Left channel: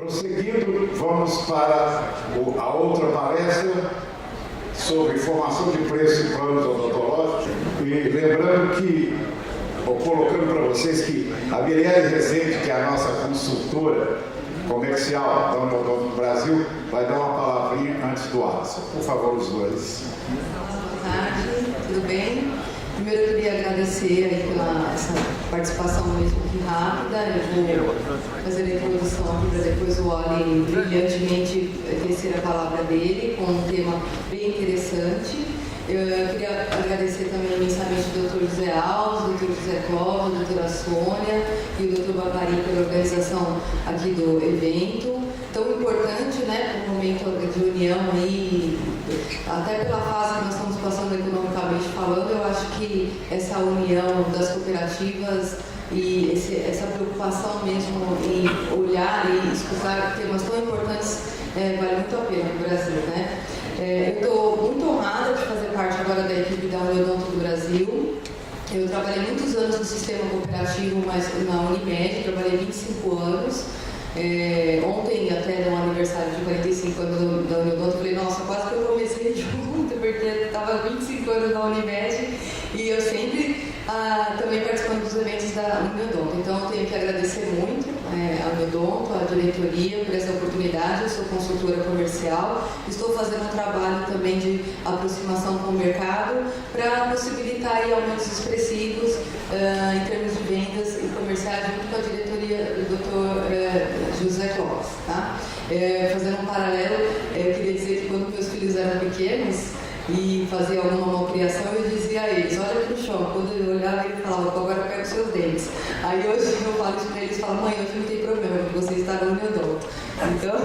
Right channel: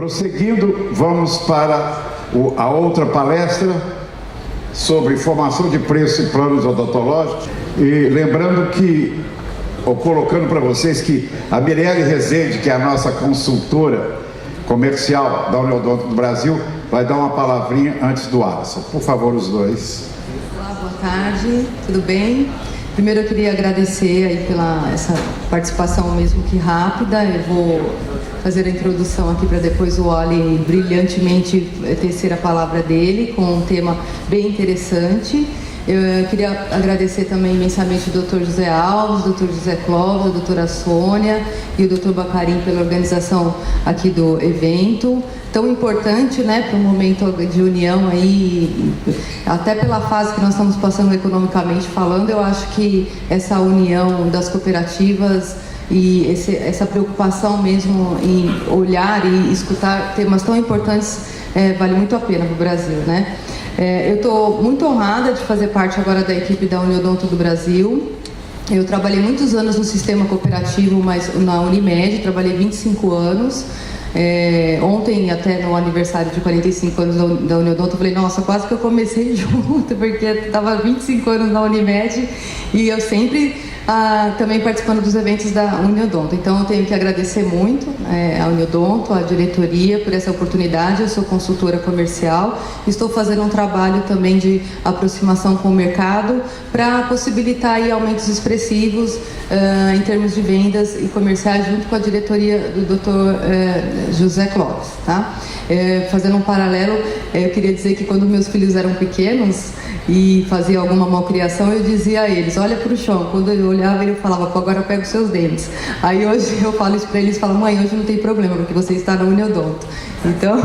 Prosseguindo, vamos para a outra palestra sobre formação de preço e planos odontológicos. E lembrando que, ou colocando para vocês que a Mirelle Rezende, que é a nossa consultora comercial da Uniodonto do Brasil, vai dar uma palavrinha antes do Alisson. Por favor, os dois. Olá, boa tarde, tudo bem? Primeiro eu queria agradecer aí pela essa participação mesmo que rápida. Eu vou fazer a introdução aqui para depois o Oli brilhantemente tecer a palavra dele com um tema bem interessante. Eu queria agradecer também imensamente o Dr. José Alves, o Dr. José Clóvis, a doutora Sônia e o Dr. Bacarim pela organização aqui do evento. Tão importante, né, para um momento de união aí, até pela fase que nós estamos passando economicamente falando. Eu acho que essa união das cooperativas e essa preocupação mesmo em olhar e escutar temas tão importantes vale muito a pena para o Brasil, né? Eu estou muito honrada de fazer parte agora da equipe da Uniodonto do Brasil. Eu trabalhei muitos anos no sistema cooperativo, mas na Unimed, trabalhei 25 anos. Ontem, até no aniversário de 45 anos da Uniodonto, eu falei, nossa, quase que eu comecei junto, porque estava 25 anos na Unimed e eu sempre também participando dos eventos da Uniodonto. Então eu tenho que agradecer muito a Uniodonto, a diretoria, por essa oportunidade. Eu sou consultora comercial, estou fazendo um trabalho também de aproximação com o mercado para possibilitar aí aumentos expressivos em termos de vendas e comerciais, junto com a diretoria do Dr. José Clóvis, tá? Fazendo um paralelo, eu queria dizer que quando meus filhos eram pequenos e fazia alguma malcriação, eu dizia a eles, olha para o chão. Quando eu olhava, ele falava, pô, agora pega os seus dentes. Aí hoje eu falo isso para eles, falo, mãe, hoje não tem problema, porque você está na Uniodonto. Então,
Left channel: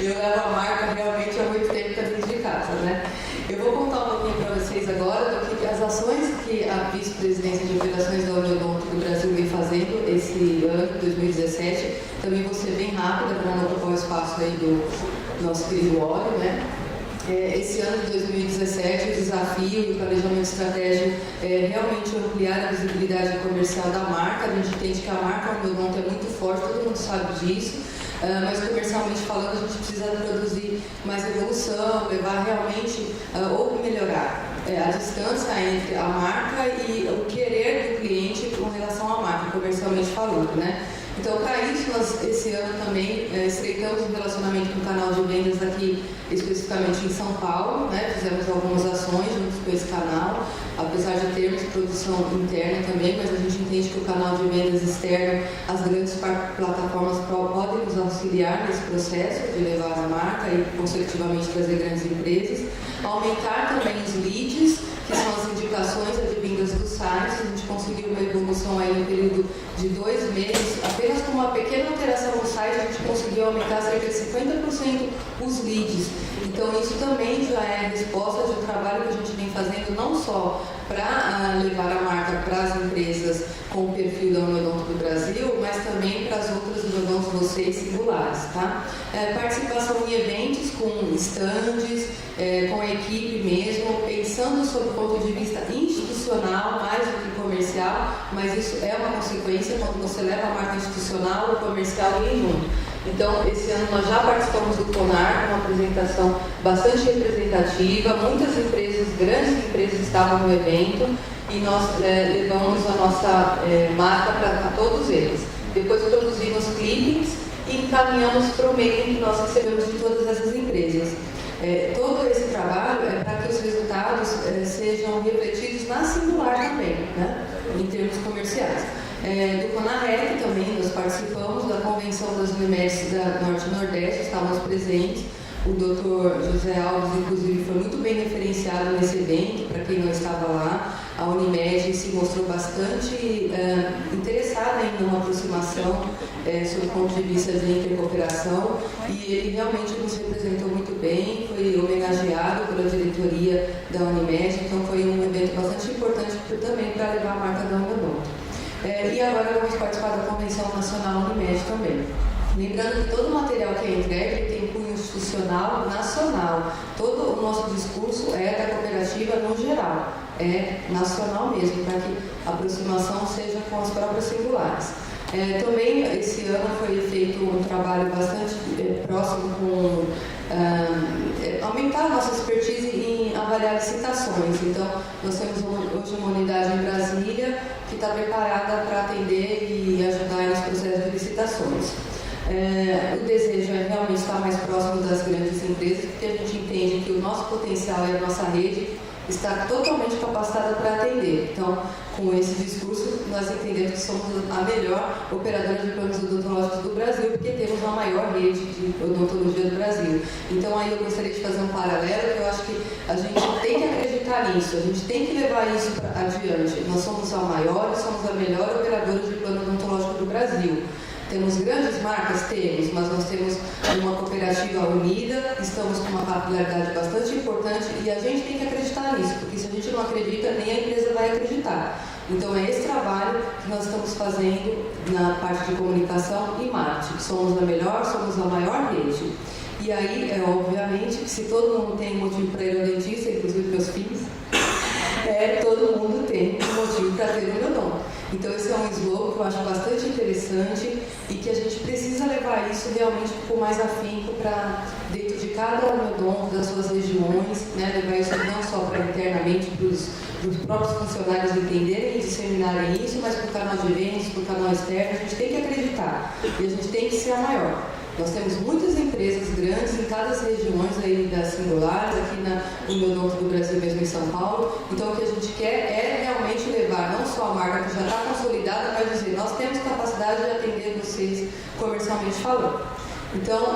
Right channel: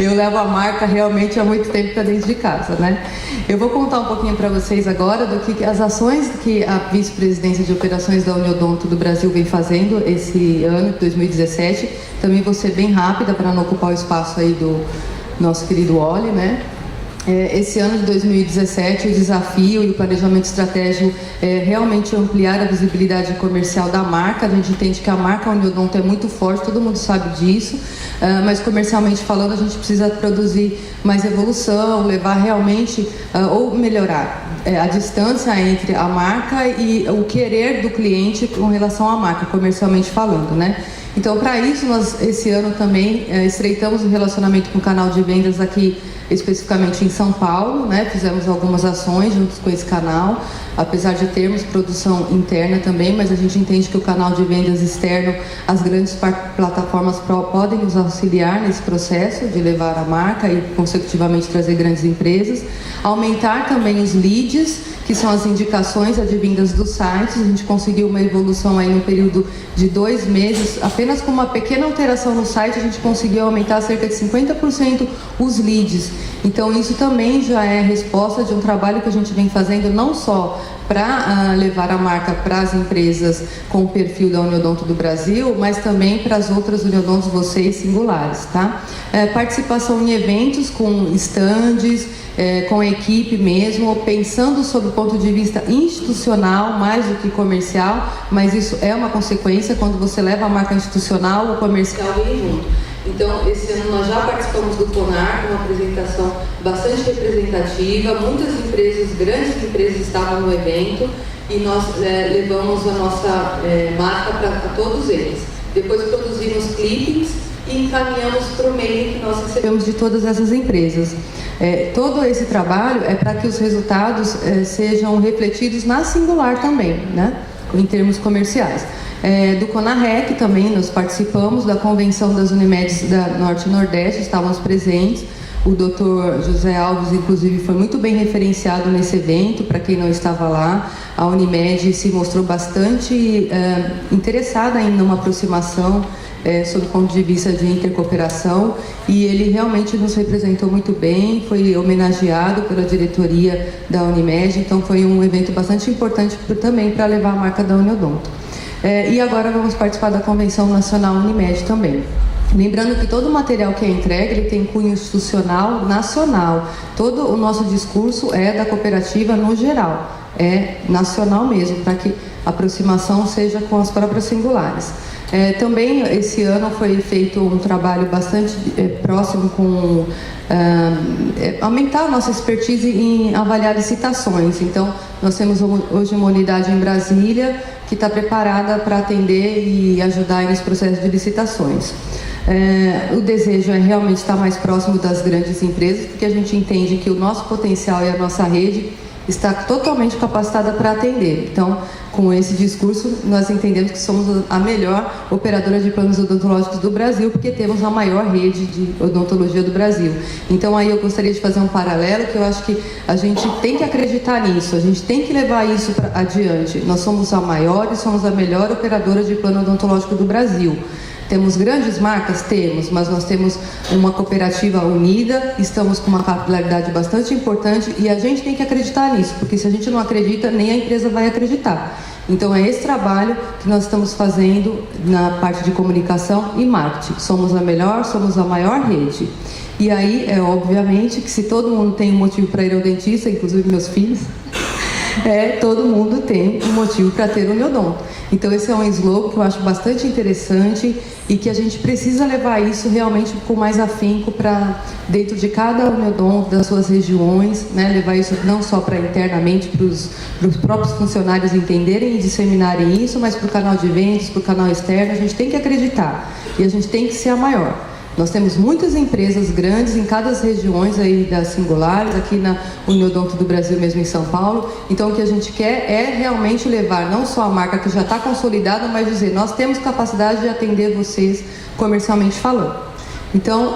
eu levo a marca realmente há muito tempo para dentro de casa, né? Eu vou contar um pouquinho para vocês agora do que as ações que a Vice-Presidência de Operações da Uniodonto do Brasil vem fazendo esse ano, 2017. Também vou ser bem rápida para não ocupar o espaço aí do nosso querido Oli, né? Esse ano de 2017, o desafio e o planejamento estratégico é realmente ampliar a visibilidade comercial da marca. A gente entende que a marca Uniodonto é muito forte, todo mundo sabe disso, mas comercialmente falando, a gente precisa produzir mais evolução, levar realmente, ou melhorar a distância entre a marca e o querer do cliente com relação à marca, comercialmente falando, né? Então, para isso, nós esse ano também estreitamos o relacionamento com o canal de vendas aqui, especificamente em São Paulo, né? Fizemos algumas ações juntos com esse canal, apesar de termos produção interna também, mas a gente entende que o canal de vendas externo, as grandes plataformas podem nos auxiliar nesse processo de levar a marca e, consecutivamente, trazer grandes empresas. Aumentar também os leads, que são as indicações advindas dos sites. A gente conseguiu uma evolução aí no período de 2 meses, apenas com uma pequena alteração no site, a gente conseguiu aumentar cerca de 50% os leads. Então isso também já é a resposta de um trabalho que a gente vem fazendo, não só para levar a marca para as empresas com o perfil da Uniodonto do Brasil, mas também para as outras Uniodontos vocês singulares, tá? Participação em eventos com estandes, com a equipe mesmo, pensando sob o ponto de vista institucional mais do que comercial, mas isso é uma consequência quando você leva a marca institucional, o comercial vem junto. Então, esse ano nós já participamos do CONAR, uma apresentação bastante representativa, muitas empresas, grandes empresas estavam no evento e nós levamos a nossa marca para todos eles. Depois produzimos clippings e encaminhamos para o e-mail que nós recebemos de todas essas empresas. Todo esse trabalho é para que os resultados sejam refletidos na singular também, né? Em termos comerciais. Do CONAREC também nós participamos da convenção das Unimedes da Norte e Nordeste, estávamos presentes. O Dr. José Alves, inclusive, foi muito bem referenciado nesse evento, para quem não estava lá. A Unimed se mostrou bastante interessada em uma aproximação sob o ponto de vista de intercooperação, e ele realmente nos representou muito bem, foi homenageado pela diretoria da Unimed, então foi um evento bastante importante também para levar a marca da Uniodonto. E agora vamos participar da Convenção Nacional Unimed também. Lembrando que todo o material que é entregue, ele tem cunho institucional nacional. Todo o nosso discurso é da cooperativa no geral, é nacional mesmo, para que a aproximação seja com as próprias singulares. Também esse ano foi feito um trabalho bastante próximo com aumentar a nossa expertise em avaliar licitações. Então, nós temos hoje uma unidade em Brasília que está preparada para atender e ajudar nos processos de licitações. O desejo é realmente estar mais próximo das grandes empresas, porque a gente entende que o nosso potencial e a nossa rede está totalmente capacitada para atender. Então, com esse discurso, nós entendemos que somos a melhor operadora de planos odontológicos do Brasil, porque temos a maior rede de odontologia do Brasil. Então, aí eu gostaria de fazer um paralelo, que eu acho que a gente tem que acreditar nisso, a gente tem que levar isso adiante. Nós somos a maior e somos a melhor operadora de plano odontológico do Brasil. Temos grandes marcas? Temos, mas nós temos uma cooperativa unida, estamos com uma capilaridade bastante importante e a gente tem que acreditar nisso, porque se a gente não acredita, nem a empresa vai acreditar. Então é esse trabalho que nós estamos fazendo na parte de comunicação e marketing. Somos a melhor, somos a maior rede. E aí, obviamente, que se todo mundo tem um motivo para ir ao dentista, inclusive meus filhos, todo mundo tem um motivo para ter o Neodonto. Então esse é um slogan que eu acho bastante interessante e que a gente precisa levar isso realmente com mais afinco para dentro de cada Neodonto, das suas regiões, né? Levar isso não só para internamente, para os próprios funcionários entenderem e disseminarem isso, mas para o canal de vendas, para o canal externo. A gente tem que acreditar e a gente tem que ser a maior. Nós temos muitas empresas grandes em cada regiões aí das singulares, aqui na Uniodonto do Brasil mesmo em São Paulo. Então o que a gente quer é realmente levar não só a marca que já está consolidada, mas dizer, nós temos capacidade de atender vocês comercialmente falando. Então,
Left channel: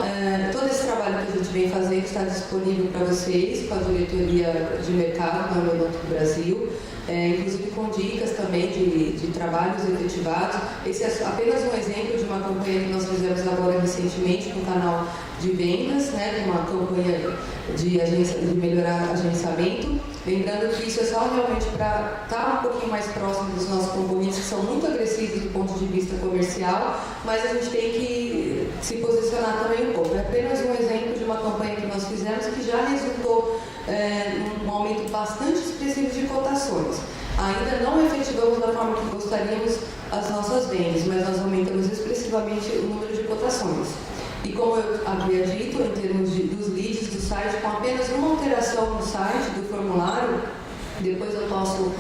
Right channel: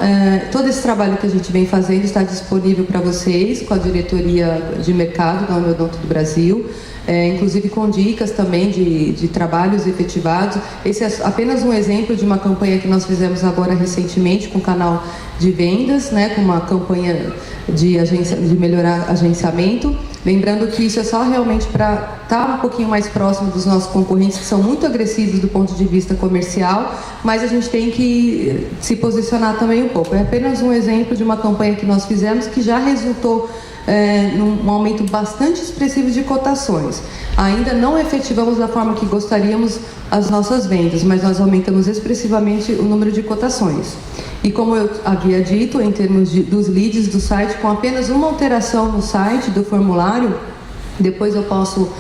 todo esse trabalho que a gente vem fazendo está disponível para vocês com a diretoria de mercado da Uniodonto do Brasil. Inclusive com dicas também de trabalhos efetivados. Esse é apenas um exemplo de uma campanha que nós fizemos agora recentemente com o canal de vendas, né, com uma campanha de melhorar agenciamento. Lembrando que isso é só realmente para estar um pouquinho mais próximo dos nossos concorrentes, que são muito agressivos do ponto de vista comercial, mas a gente tem que se posicionar também um pouco. É apenas um exemplo de uma campanha que nós fizemos que já resultou num aumento bastante expressivo de cotações. Ainda não efetivamos da forma que gostaríamos as nossas vendas, mas nós aumentamos expressivamente o número de cotações. E como eu havia dito, em termos dos leads do site, com apenas uma alteração no site do formulário, depois eu posso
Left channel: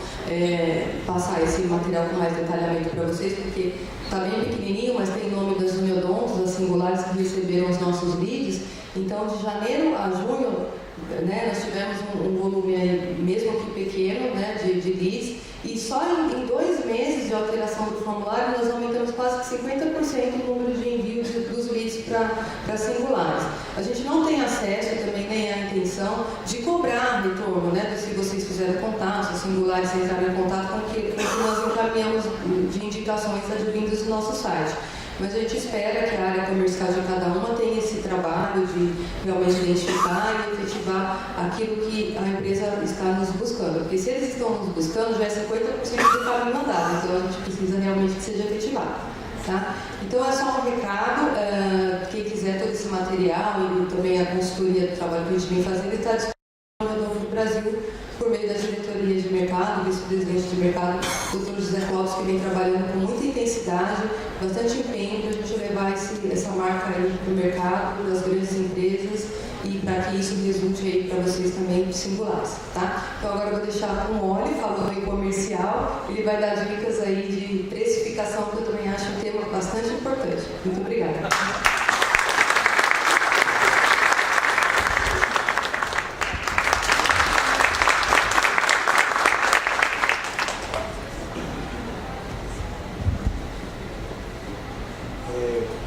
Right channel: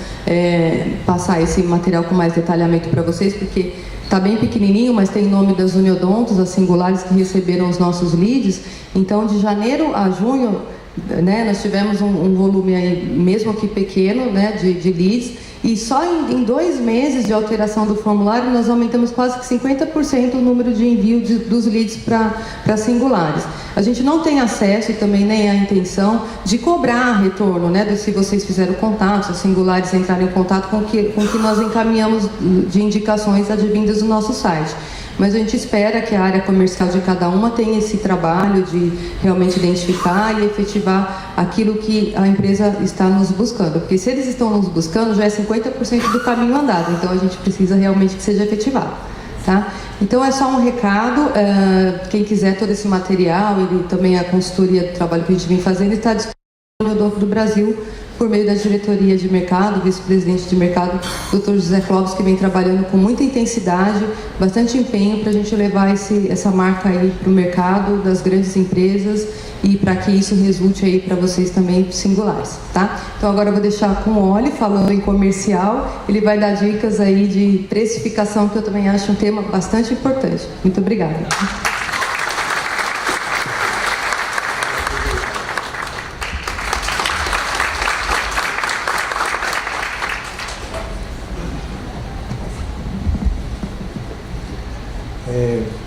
passar esse material com mais detalhamento para vocês, porque está bem pequenininho, mas tem nome das Uniodontos, as singulares que receberam os nossos leads. Então, de janeiro a junho, né, nós tivemos um volume aí, mesmo aqui pequeno, né, de leads, e só em 2 meses de alteração do formulário nós aumentamos quase que 50% o número de envio dos leads para singulares. A gente não tem acesso e também nem a intenção de cobrar retorno, né, se vocês fizeram contato, se os singulares entraram em contato com o que nós encaminhamos de indicações advindas do nosso site. Mas a gente espera que a área comercial de cada uma tenha esse trabalho de realmente identificar e efetivar aquilo que a empresa está nos buscando. Porque se eles estão nos buscando, já é 50% do caminho andado. Então a gente precisa realmente que seja efetivado. Tá? Então é só um recado. Quem quiser todo esse material e também a consultoria do trabalho que a gente vem fazendo está disponível no Neodonto do Brasil, por meio da diretoria de mercado, vice-presidente de mercado, Dr. José Clóvis, que vem trabalhando com muita intensidade, bastante empenho para a gente levar essa marca aí para o mercado das grandes empresas e para que isso resulte aí para vocês também singulares, tá? Então agora eu vou deixar com o Oli, falando em comercial, ele vai dar dicas aí de precificação, que eu também acho um tema bastante importante. Muito obrigada.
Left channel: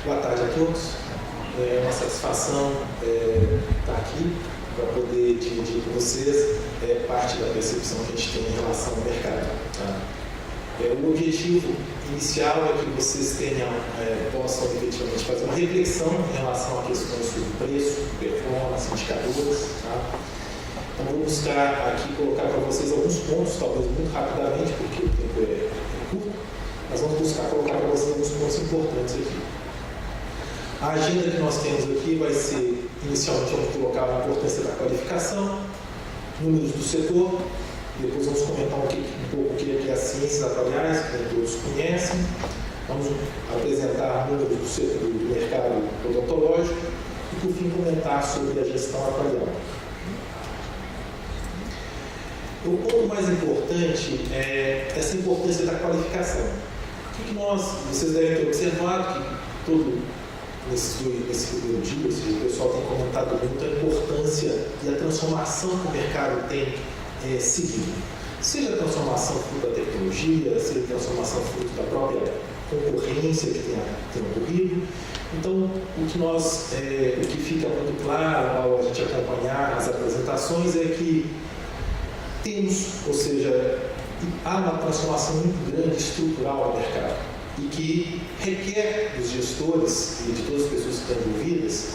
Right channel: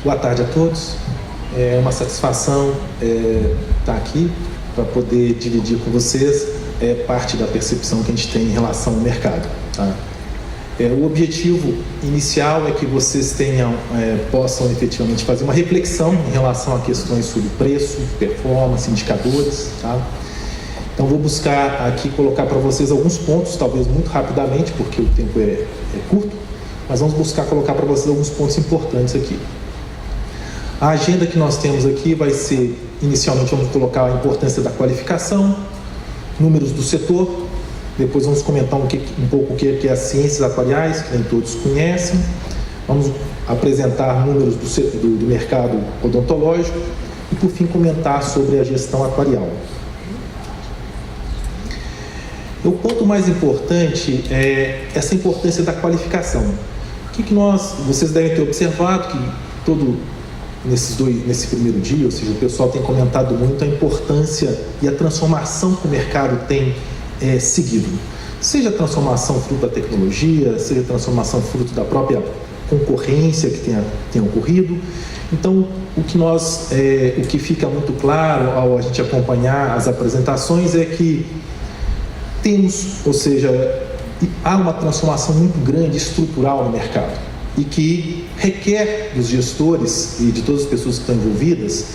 Boa tarde a todos. É uma satisfação estar aqui para poder dividir com vocês parte da percepção que a gente tem em relação ao mercado. Tá? O objetivo inicial é que vocês possam efetivamente fazer uma reflexão em relação a questões sobre preço, performance, indicadores. Tá? Então vou buscar aqui colocar para vocês alguns pontos, talvez muito rapidamente, porque o tempo é curto, mas vamos buscar colocar para vocês alguns pontos importantes aqui. A agenda que nós temos aqui vai ser, inicialmente vamos colocar a importância da qualificação, números do setor, depois vamos comentar um pouco o que é as ciências atuariais, que nem todos conhecem, Vamos apresentar números do mercado odontológico e, por fim, comentar sobre a gestão atuarial. O ponto mais importante é essa importância da qualificação. Vocês devem ter observado que nesse primeiro dia, ou seja, o pessoal tem comentado muito a importância e a transformação que o mercado tem seguido. Seja a transformação fruto da tecnologia, seja a transformação fruto da própria concorrência que tenha ocorrido. Então, o que fica muito claro ao a gente acompanhar as apresentações é que há uma transformação muito grande estrutural no mercado e que requer dos gestores e de todas as pessoas que estão envolvidas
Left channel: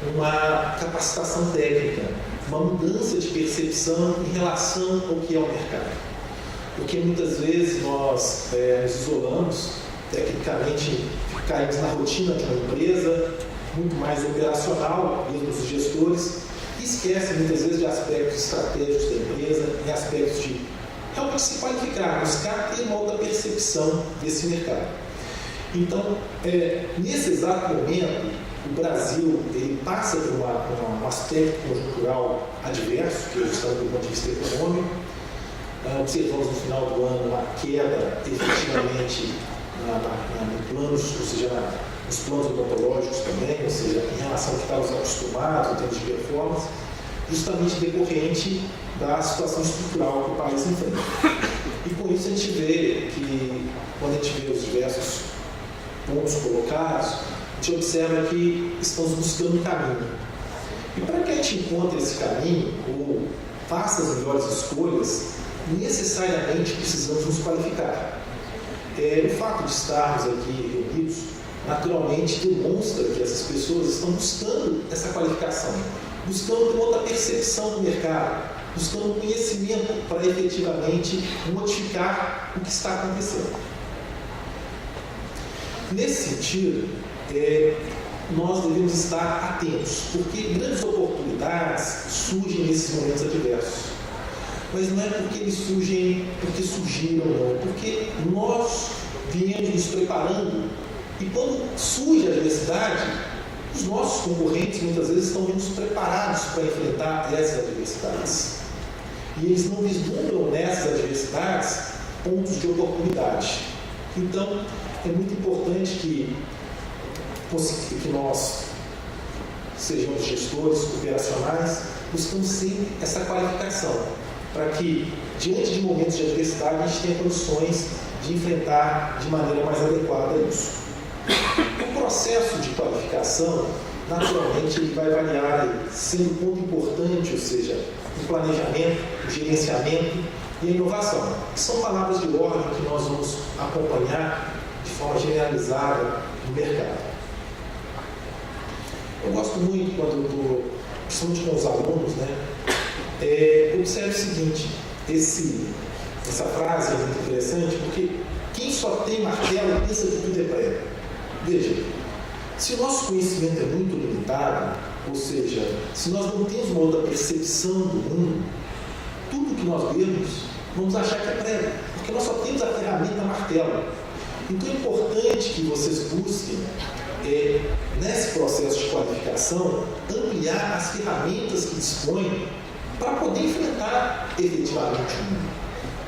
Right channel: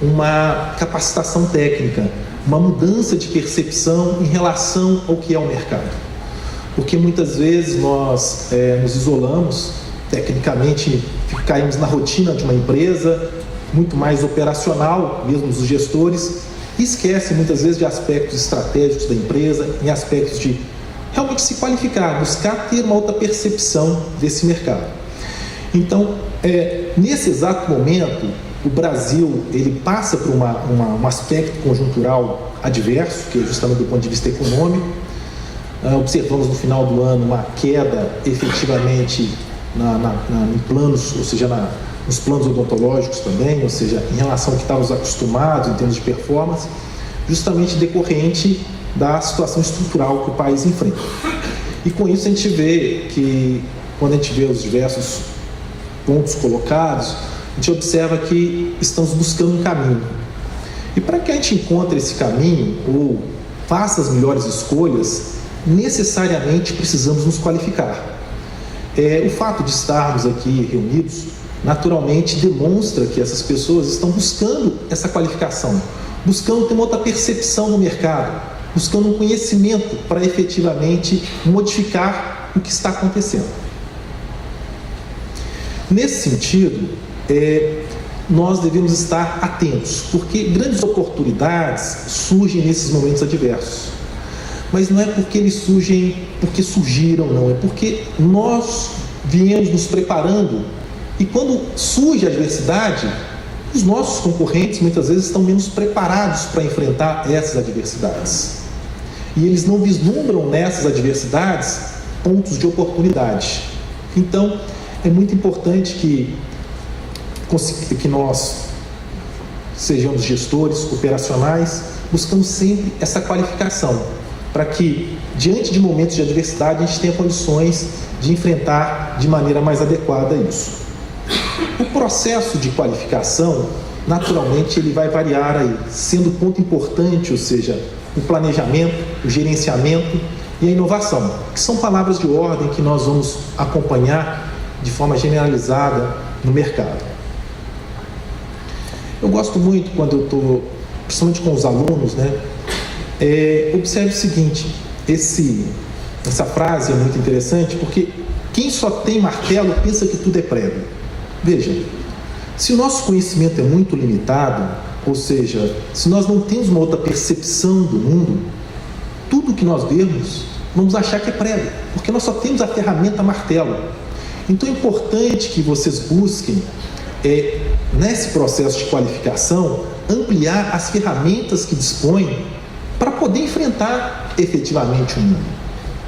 uma capacitação técnica, uma mudança de percepção em relação ao que é o mercado. Porque muitas vezes nós nos isolamos tecnicamente, caímos na rotina de uma empresa muito mais operacional, mesmo dos gestores, e esquece muitas vezes de aspectos estratégicos da empresa, em aspectos de realmente se qualificar, buscar ter uma outra percepção desse mercado. Então, nesse exato momento, o Brasil ele passa por um aspecto conjuntural adverso, que é justamente do ponto de vista econômico. Observamos no final do ano uma queda efetivamente em planos, ou seja, nos planos odontológicos também, ou seja, em relação ao que estávamos acostumados em termos de performance, justamente decorrente da situação estrutural que o país enfrenta. E com isso a gente vê que, quando a gente vê os diversos pontos colocados, a gente observa que estamos buscando um caminho. E para que a gente encontre esse caminho, ou faça as melhores escolhas, necessariamente precisamos nos qualificar. O fato de estarmos aqui reunidos, naturalmente demonstra que essas pessoas estão buscando essa qualificação, buscando ter uma outra percepção do mercado, buscando um conhecimento para efetivamente modificar o que está acontecendo. Nesse sentido, nós devemos estar atentos, porque grandes oportunidades surgem nesses momentos adversos. Mas não é porque eles surgem porque surgiram, não. É porque nós viemos nos preparando e quando surge a adversidade, os nossos concorrentes muitas vezes estão menos preparados para enfrentar essas adversidades. E eles não vislumbram nessas adversidades pontos de oportunidade. Então, é muito importante que nós sejamos gestores operacionais, buscando sempre essa qualificação, para que, diante de momentos de adversidade, a gente tenha condições de enfrentar de maneira mais adequada isso. O processo de qualificação, naturalmente, ele vai variar aí, sendo ponto importante, ou seja, o planejamento, o gerenciamento e a inovação, que são palavras de ordem que nós vamos acompanhar de forma generalizada no mercado. Eu gosto muito quando eu estou, principalmente com os alunos, observe o seguinte, essa frase é muito interessante, porque quem só tem martelo pensa que tudo é prego. Veja, se o nosso conhecimento é muito limitado, ou seja, se nós não temos uma outra percepção do mundo, tudo que nós vemos, vamos achar que é prego, porque nós só temos a ferramenta martelo. Então é importante que vocês busquem, nesse processo de qualificação, ampliar as ferramentas que dispõem para poder enfrentar efetivamente o mundo.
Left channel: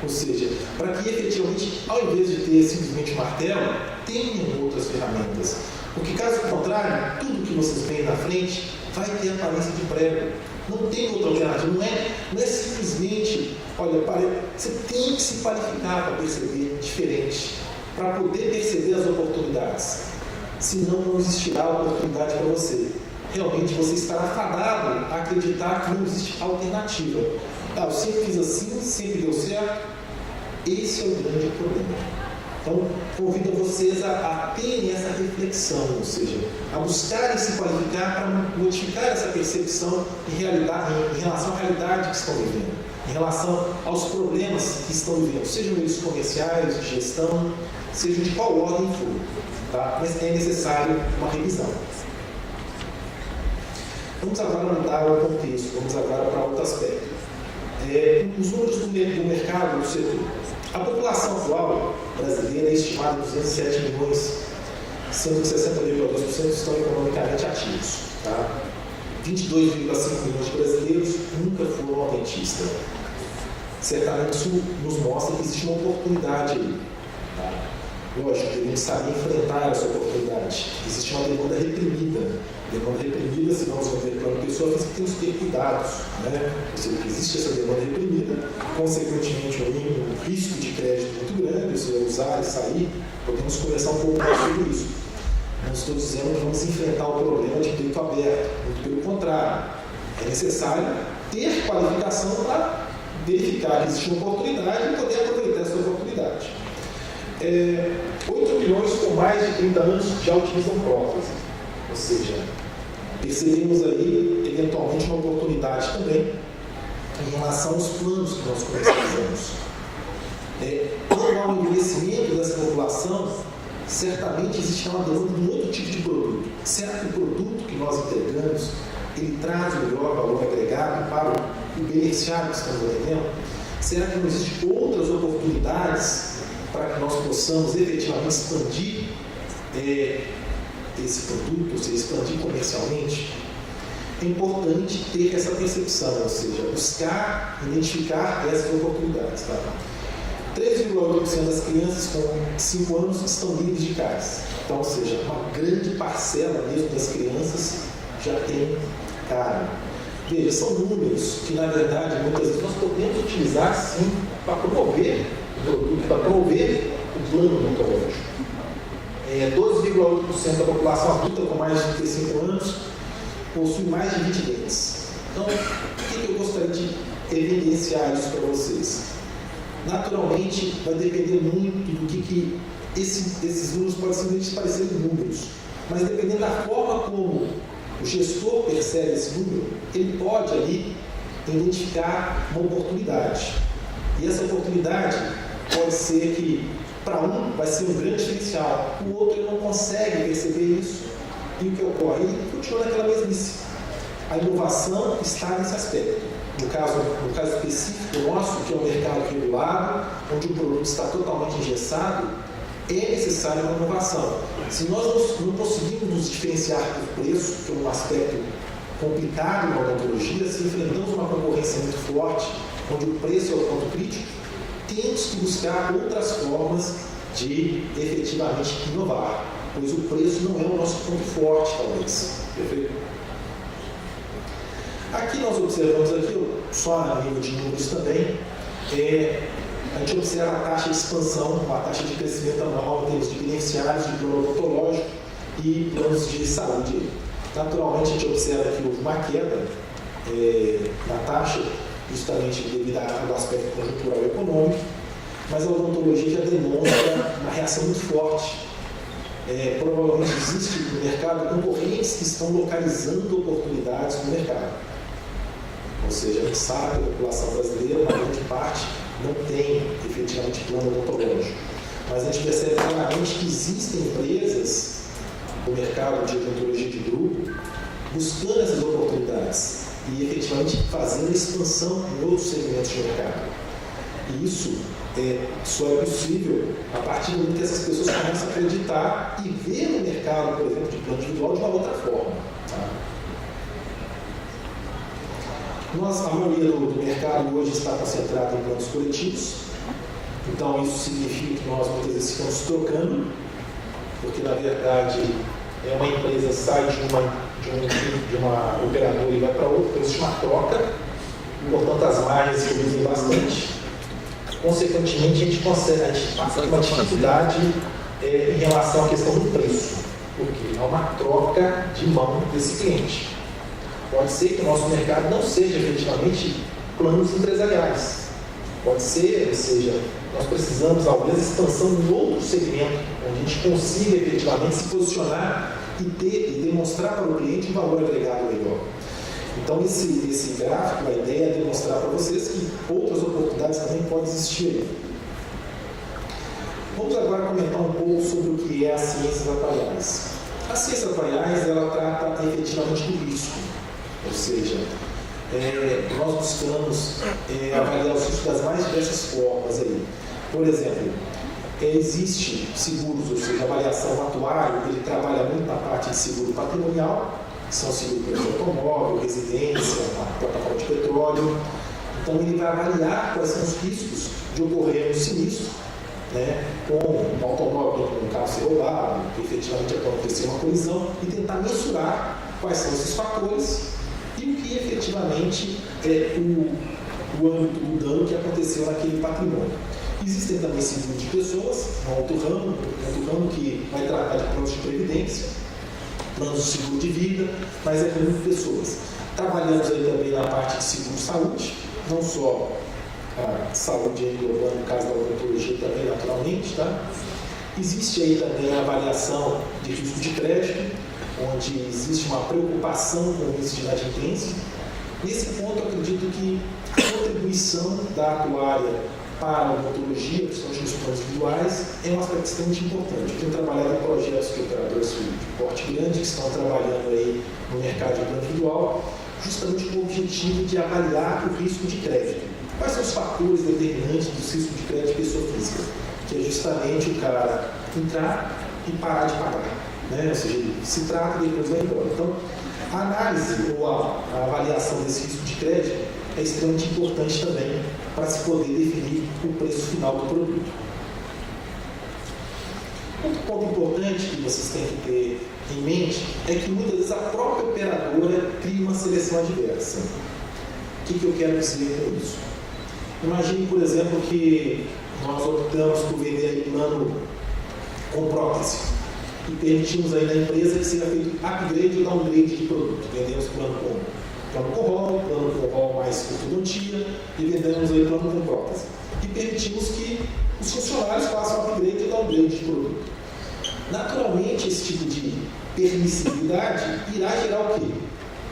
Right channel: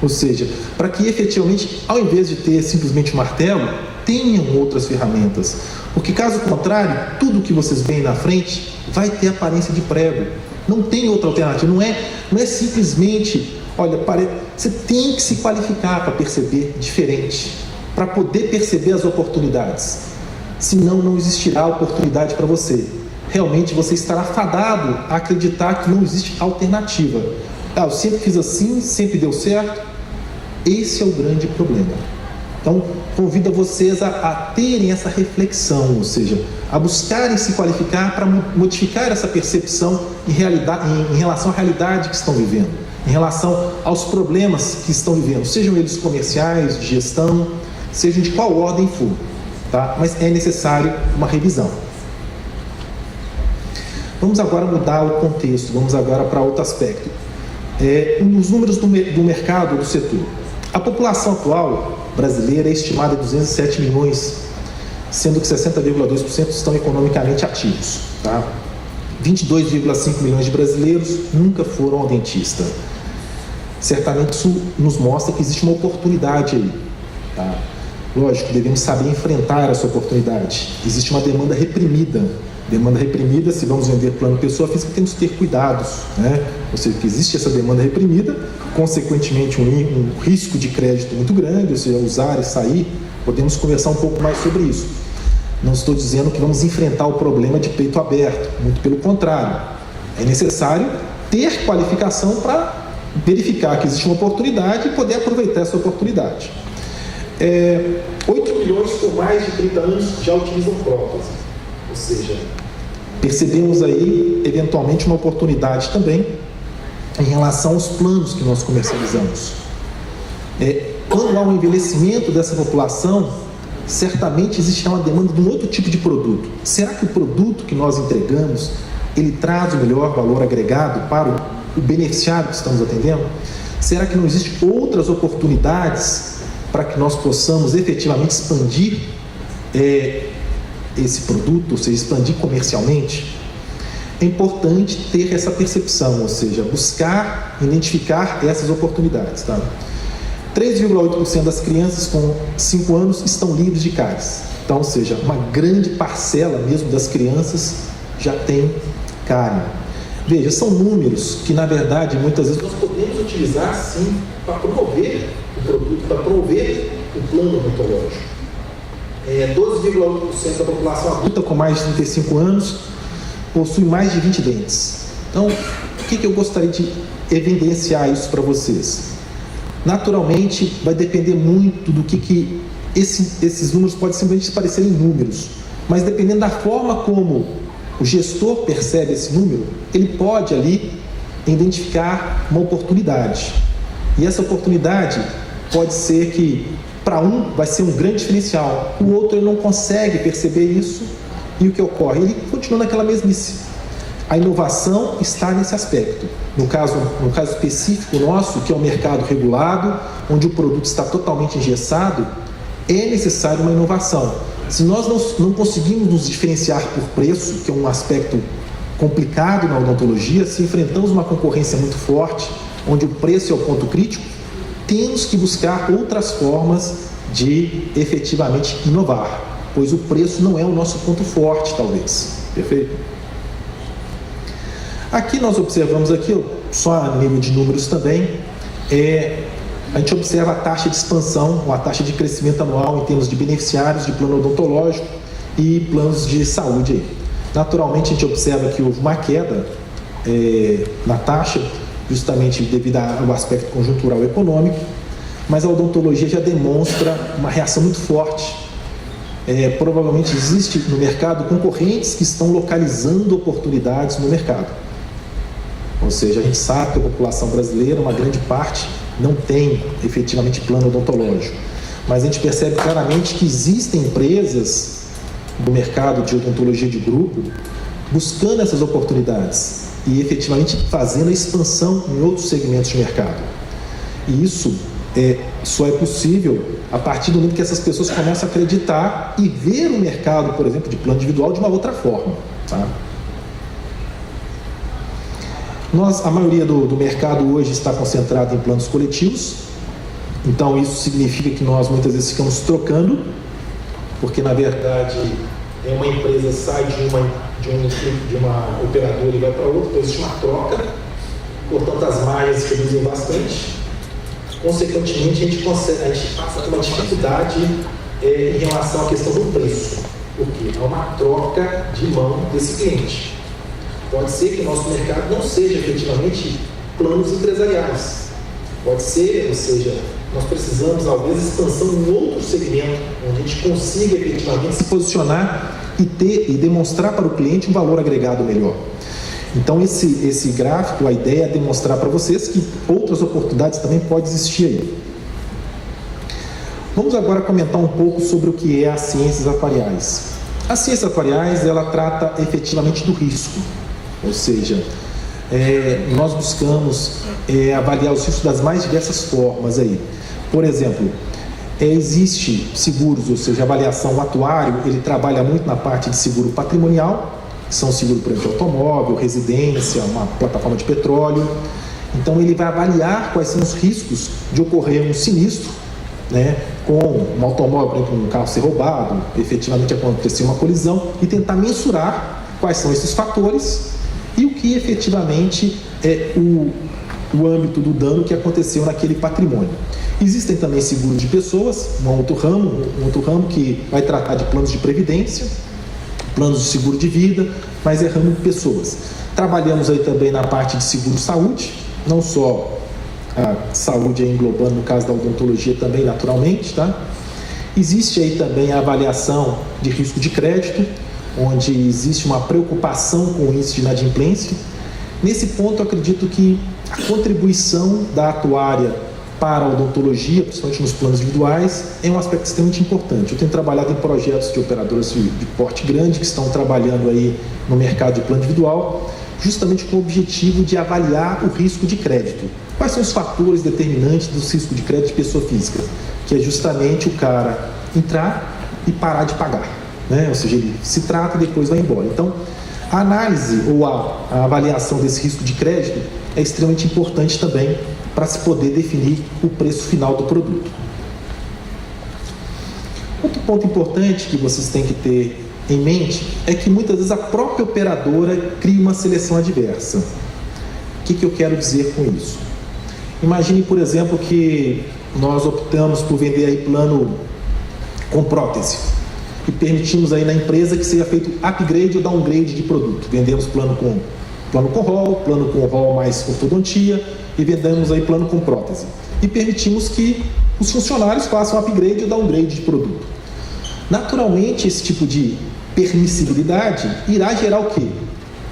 Ou seja, para que efetivamente, ao invés de ter simplesmente martelo, tenham outras ferramentas. Porque caso contrário, tudo que vocês veem na frente vai ter aparência de prego. Não tem outra alternativa. Não é simplesmente, olha, você tem que se qualificar para perceber diferente, para poder perceber as oportunidades. Senão não existirá oportunidade para você. Realmente você estará fadado a acreditar que não existe alternativa. Eu sempre fiz assim, sempre deu certo. Esse é o grande problema. Então, convido vocês a terem essa reflexão, ou seja, a buscarem se qualificar para modificar essa percepção em relação à realidade que estão vivendo, em relação aos problemas que estão vivendo, sejam eles comerciais, de gestão, sejam de qual ordem for, tá? Mas é necessário uma revisão. Vamos agora mudar o contexto, vamos agora para outro aspecto. Os números do mercado, do setor. A população atual, brasileira é estimada em 207 milhões, sendo que 60,2% estão economicamente ativos. Tá? 22,5 milhões de brasileiros nunca foram ao dentista. Certamente isso nos mostra que existe uma oportunidade aí. Tá? Lógico, devemos saber enfrentar essa oportunidade. Existe uma demanda reprimida. Demanda reprimida, se vamos vender plano pessoa física, temos que ter cuidados, né? Ou seja, que existe essa demanda reprimida, consequentemente um risco de crédito muito grande, ou seja, usar e sair. Podemos conversar um pouco mais sobre isso. Não estou dizendo que vamos enfrentar o problema de peito aberto, muito pelo contrário. É necessário ter qualificação para verificar que existe uma oportunidade e poder aproveitar essa oportunidade. 8 milhões com mais de 30 anos já utilizam prótese, ou seja, percebemos aí, eventualmente, uma oportunidade também em relação aos planos que nós comercializamos. Quando há um envelhecimento dessa população, certamente existirá uma demanda de um outro tipo de produto. Será que o produto que nós entregamos, ele traz o melhor valor agregado para o beneficiário que estamos atendendo? Será que não existem outras oportunidades para que nós possamos efetivamente expandir esse produto, ou seja, expandir comercialmente? É importante ter essa percepção, ou seja, buscar, identificar essas oportunidades. Tá? 3,8% das crianças com 5 anos estão livres de cáries. Então, ou seja, uma grande parcela mesmo das crianças já tem cárie. Veja, são números que, na verdade, muitas vezes nós podemos utilizar, sim, para promover o produto, para promover o plano odontológico. 12,8% da população adulta com mais de 35 anos possui mais de 20 dentes. Então, o que eu gostaria de evidenciar isso para vocês? Naturalmente, vai depender muito do que esses números podem simplesmente parecerem números, mas dependendo da forma como o gestor percebe esse número, ele pode ali identificar uma oportunidade. E essa oportunidade pode ser que para um vai ser um grande diferencial, o outro ele não consegue perceber isso, e o que ocorre? Ele continua naquela mesmice. A inovação está nesse aspecto. No caso específico nosso, que é um mercado regulado, onde o produto está totalmente engessado, é necessária uma inovação. Se nós não conseguimos nos diferenciar por preço, que é um aspecto complicado na odontologia, se enfrentamos uma concorrência muito forte, onde o preço é o ponto crítico, temos que buscar outras formas de efetivamente inovar, pois o preço não é o nosso ponto forte, talvez. Perfeito? Aqui nós observamos, só a nível de números também, a gente observa a taxa de expansão, ou a taxa de crescimento anual em termos de beneficiários de plano odontológico e planos de saúde. Naturalmente, a gente observa que houve uma queda na taxa, justamente devido ao aspecto conjuntural econômico, mas a odontologia já demonstra uma reação muito forte. Provavelmente existe no mercado concorrentes que estão localizando oportunidades no mercado. Ou seja, a gente sabe que a população brasileira, uma grande parte, não tem efetivamente plano odontológico. Mas a gente percebe claramente que existem empresas do mercado de odontologia de grupo buscando essas oportunidades e efetivamente fazendo a expansão em outros segmentos de mercado. E isso só é possível a partir do momento que essas pessoas começam a acreditar e ver o mercado, por exemplo, de plano individual de uma outra forma. Tá? A maioria do mercado hoje está concentrado em planos coletivos, então isso significa que nós muitas vezes ficamos trocando, porque na verdade uma empresa sai de uma operadora e vai para outra, então existe uma troca, portanto as margens reduzem bastante, consequentemente a gente passa por uma dificuldade em relação à questão do preço, porque há uma troca de mão desse cliente. Pode ser que o nosso mercado não seja efetivamente planos empresariais. Pode ser, ou seja, nós precisamos, talvez, expansão em outro segmento, onde a gente consiga efetivamente se posicionar e demonstrar para o cliente um valor agregado melhor. Então, esse gráfico, a ideia é demonstrar para vocês que outras oportunidades também podem existir aí. Vamos agora comentar um pouco sobre o que é as ciências atuariais. As ciências atuariais, ela trata efetivamente do risco. Ou seja, nós buscamos avaliar os riscos das mais diversas formas aí. Por exemplo, existe seguros, ou seja, avaliação, o atuário, ele trabalha muito na parte de seguro patrimonial, que são seguro, por exemplo, de automóvel, residência, uma plataforma de petróleo. Então, ele vai avaliar quais são os riscos de ocorrer um sinistro, né, com um automóvel, com um carro ser roubado, efetivamente acontecer uma colisão, e tentar mensurar quais são esses fatores e o que efetivamente é o âmbito do dano que aconteceu naquele patrimônio. Existem também seguros de pessoas, um outro ramo que vai tratar de planos de previdência, planos de seguro de vida, mas é ramo de pessoas. Trabalhamos aí também na parte de seguro-saúde, não só a saúde englobando, no caso da odontologia também, naturalmente, tá? Existe aí também a avaliação de risco de crédito, onde existe uma preocupação com o índice de inadimplência. Nesse ponto, eu acredito que a contribuição da atuária para a odontologia, principalmente nos planos individuais, é um aspecto extremamente importante. Eu tenho trabalhado em projetos de operadoras de porte grande que estão trabalhando aí no mercado de plano individual, justamente com o objetivo de avaliar o risco de crédito. Quais são os fatores determinantes do risco de crédito de pessoa física? Que é justamente o cara entrar e parar de pagar, né? Ou seja, ele se trata e depois vai embora. Então, a análise ou a avaliação desse risco de crédito é extremamente importante também para se poder definir o preço final do produto. Outro ponto importante que vocês têm que ter em mente é que muitas vezes a própria operadora cria uma seleção adversa. O que eu quero dizer com isso? Imagine, por exemplo, que nós optamos por vender aí plano com prótese e permitimos aí na empresa que seja feito upgrade ou downgrade de produto. Vendemos plano com rol mais ortodontia e vendemos aí plano com prótese. E permitimos que os funcionários façam upgrade ou downgrade de produto. Naturalmente, esse tipo de permissibilidade irá gerar o quê?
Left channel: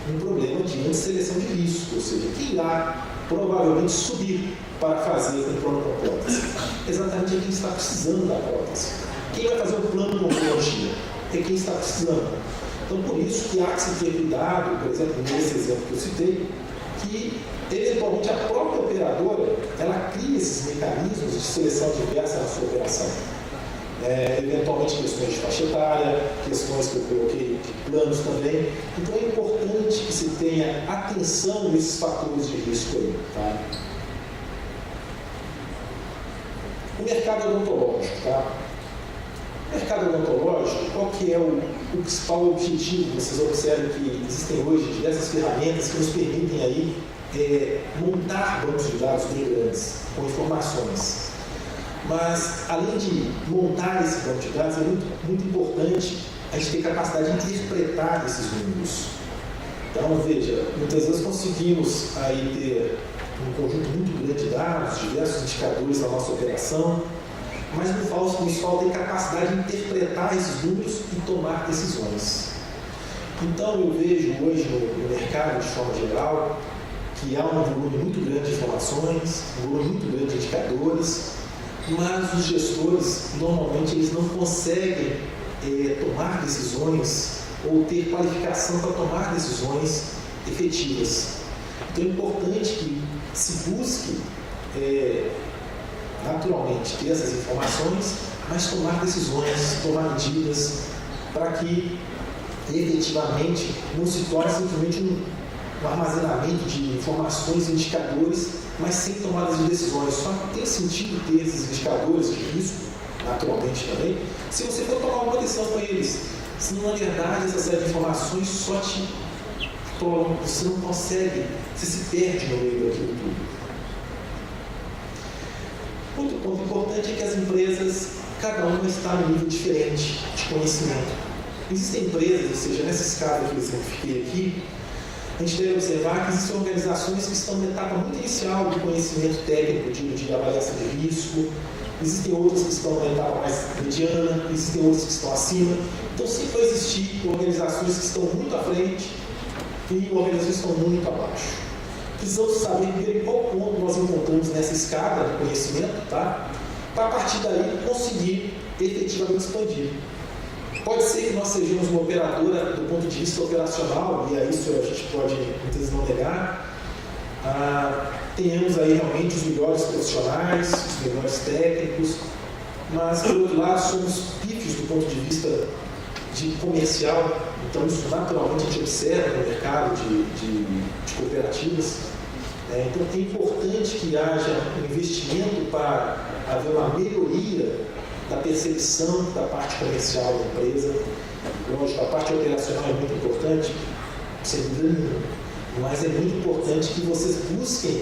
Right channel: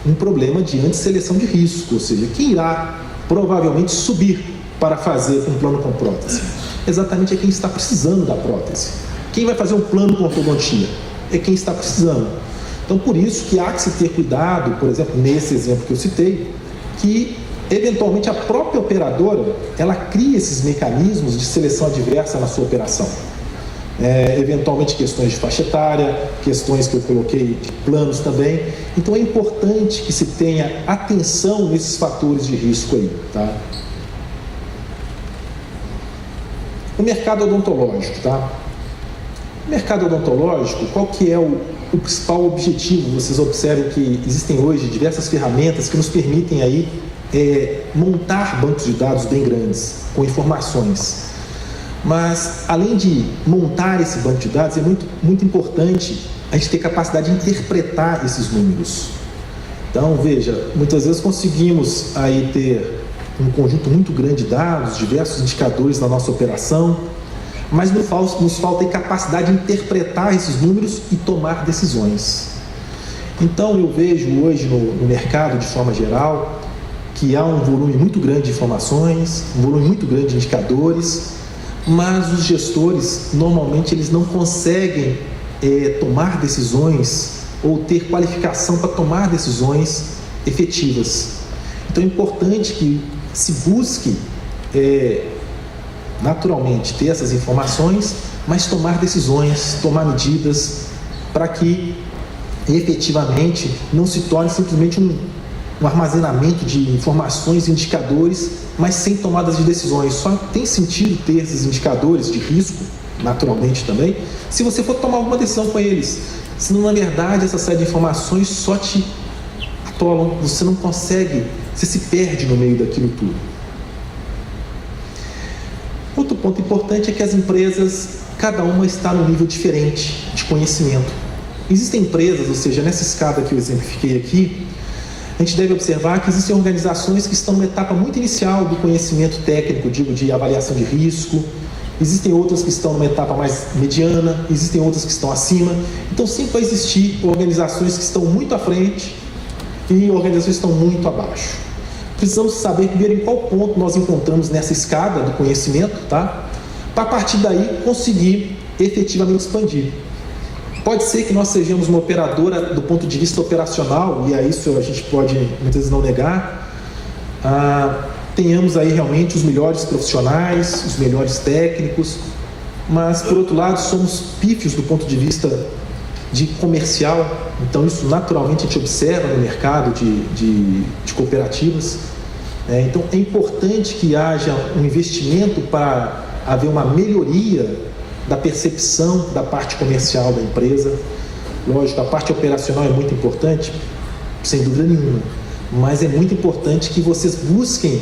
Um problema de antisseleção de risco, ou seja, quem irá provavelmente subir para fazer um plano com prótese? Exatamente é quem está precisando da prótese. Quem vai fazer um plano com ortodontia? É quem está precisando. Então, por isso que há que se ter cuidado, por exemplo, nesse exemplo que eu citei, que eventualmente a própria operadora, ela cria esses mecanismos de seleção adversa na sua operação. Eventualmente questões de faixa etária, questões que eu coloquei de planos também. Então é importante que se tenha atenção nesses fatores de risco aí, tá? O mercado odontológico, tá? O mercado odontológico, qual que é o principal objetivo? Vocês observam que existem hoje diversas ferramentas que nos permitem aí montar bancos de dados bem grandes, com informações. Mas, além de montar esse banco de dados, é muito importante a gente ter capacidade de interpretar esses números. Então, veja, muitas vezes conseguimos aí ter um conjunto muito grande de dados, diversos indicadores na nossa operação, mas nos falta a capacidade de interpretar esses números e tomar decisões. Então, eu vejo hoje no mercado, de forma geral, que há um volume muito grande de informações, um volume muito grande de indicadores, mas os gestores, normalmente, eles não conseguem tomar decisões ou ter qualificação para tomar decisões efetivas. Então, é importante que se busque, naturalmente, ter essas informações, mas tomar decisões, tomar medidas, para que, efetivamente, não se torne simplesmente um armazenamento de informações e indicadores, mas sem tomadas de decisões. Só tem sentido ter esses indicadores de risco, naturalmente também, se você for tomar alguma decisão com eles. Senão, na verdade, essa série de informações só te atolam, você não consegue, você se perde no meio daquilo tudo. Outro ponto importante é que as empresas, cada uma está num nível diferente de conhecimento. Existem empresas, ou seja, nessa escada que eu exemplifiquei aqui, a gente deve observar que existem organizações que estão numa etapa muito inicial do conhecimento técnico, digo, de avaliação de risco. Existem outras que estão numa etapa mais mediana, existem outras que estão acima. Então, sempre vai existir organizações que estão muito à frente e organizações que estão muito abaixo. Precisamos saber primeiro em qual ponto nós encontramos nessa escada do conhecimento, tá? Para, a partir daí, conseguir efetivamente expandir. Pode ser que nós sejamos uma operadora do ponto de vista operacional, e a isso a gente pode muitas vezes não negar, tenhamos aí realmente os melhores profissionais, os melhores técnicos, mas, por outro lado, somos pífios do ponto de vista de comercial, então isso naturalmente a gente observa no mercado de cooperativas. Então é importante que haja um investimento para haver uma melhoria da percepção da parte comercial da empresa. Lógico, a parte operacional é muito importante, sem dúvida nenhuma, mas é muito importante que vocês busquem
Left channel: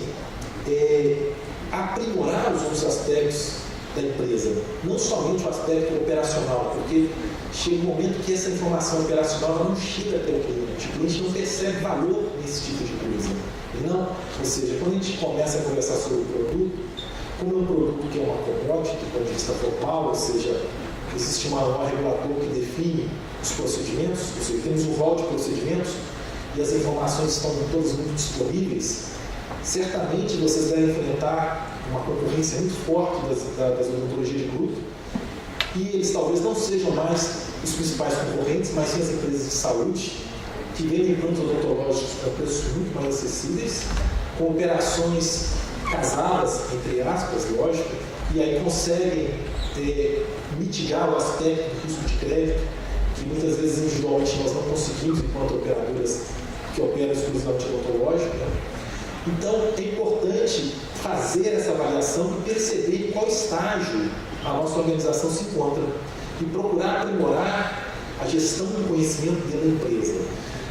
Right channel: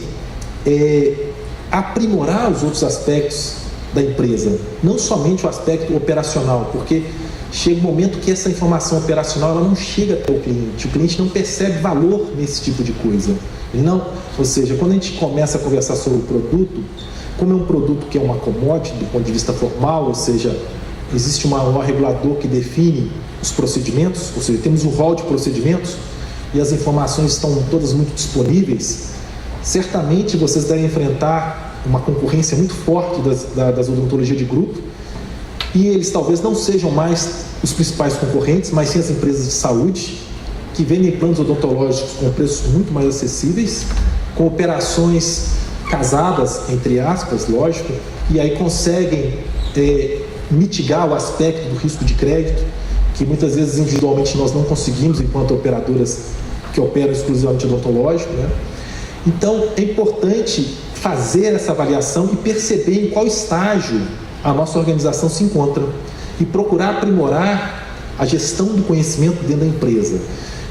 aprimorar os outros aspectos da empresa, não somente o aspecto operacional, porque chega um momento que essa informação operacional ela não chega até o cliente não percebe valor nesse tipo de coisa. Ou seja, quando a gente começa a conversar sobre o produto, como é um produto que é uma commodity do ponto de vista formal, ou seja, existe um regulador que define os procedimentos, ou seja, temos um rol de procedimentos e as informações estão todas muito disponíveis, certamente vocês devem enfrentar uma concorrência muito forte das odontologias de grupo, e eles talvez não sejam mais os principais concorrentes, mas sim as empresas de saúde, que vendem planos odontológicos com preços muito mais acessíveis, com operações casadas, entre aspas, lógico, e aí conseguem mitigar o aspecto do risco de crédito, que muitas vezes individualmente nós não conseguimos enquanto operadoras que operam exclusivamente odontológico, né? Então é importante fazer essa avaliação e perceber em qual estágio a nossa organização se encontra e procurar aprimorar a gestão do conhecimento dentro da empresa.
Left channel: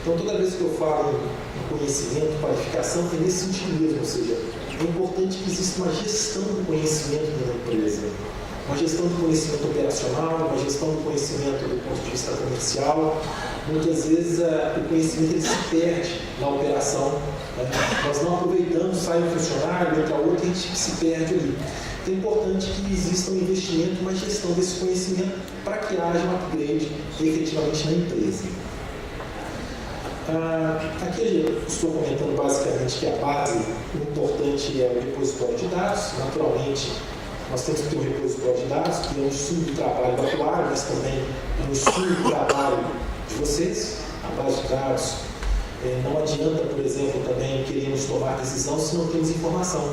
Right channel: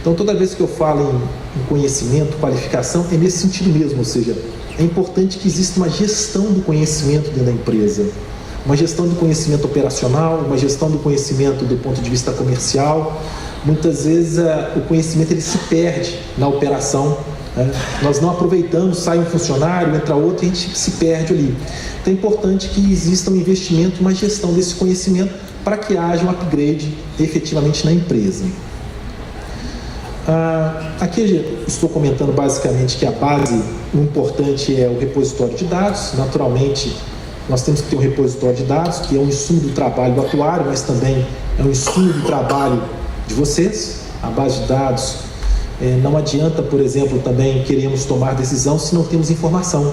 Então toda vez que eu falo em conhecimento, qualificação, é nesse sentido mesmo, ou seja, é importante que exista uma gestão do conhecimento dentro da empresa, uma gestão do conhecimento operacional, uma gestão do conhecimento do ponto de vista comercial. Muitas vezes o conhecimento ele se perde na operação, né? Nós não aproveitamos, sai um funcionário, entra outro e a gente se perde ali. Então é importante que exista um investimento, uma gestão desse conhecimento para que haja um upgrade efetivamente na empresa. Aqui eu estou comentando basicamente que a base, o importante é o repositório de dados. Naturalmente, nós temos que ter um repositório de dados, que é um insumo do trabalho do atuário, mas também é um insumo do trabalho de vocês. A base de dados, não adianta, por exemplo, também queremos tomar decisão se não temos informação.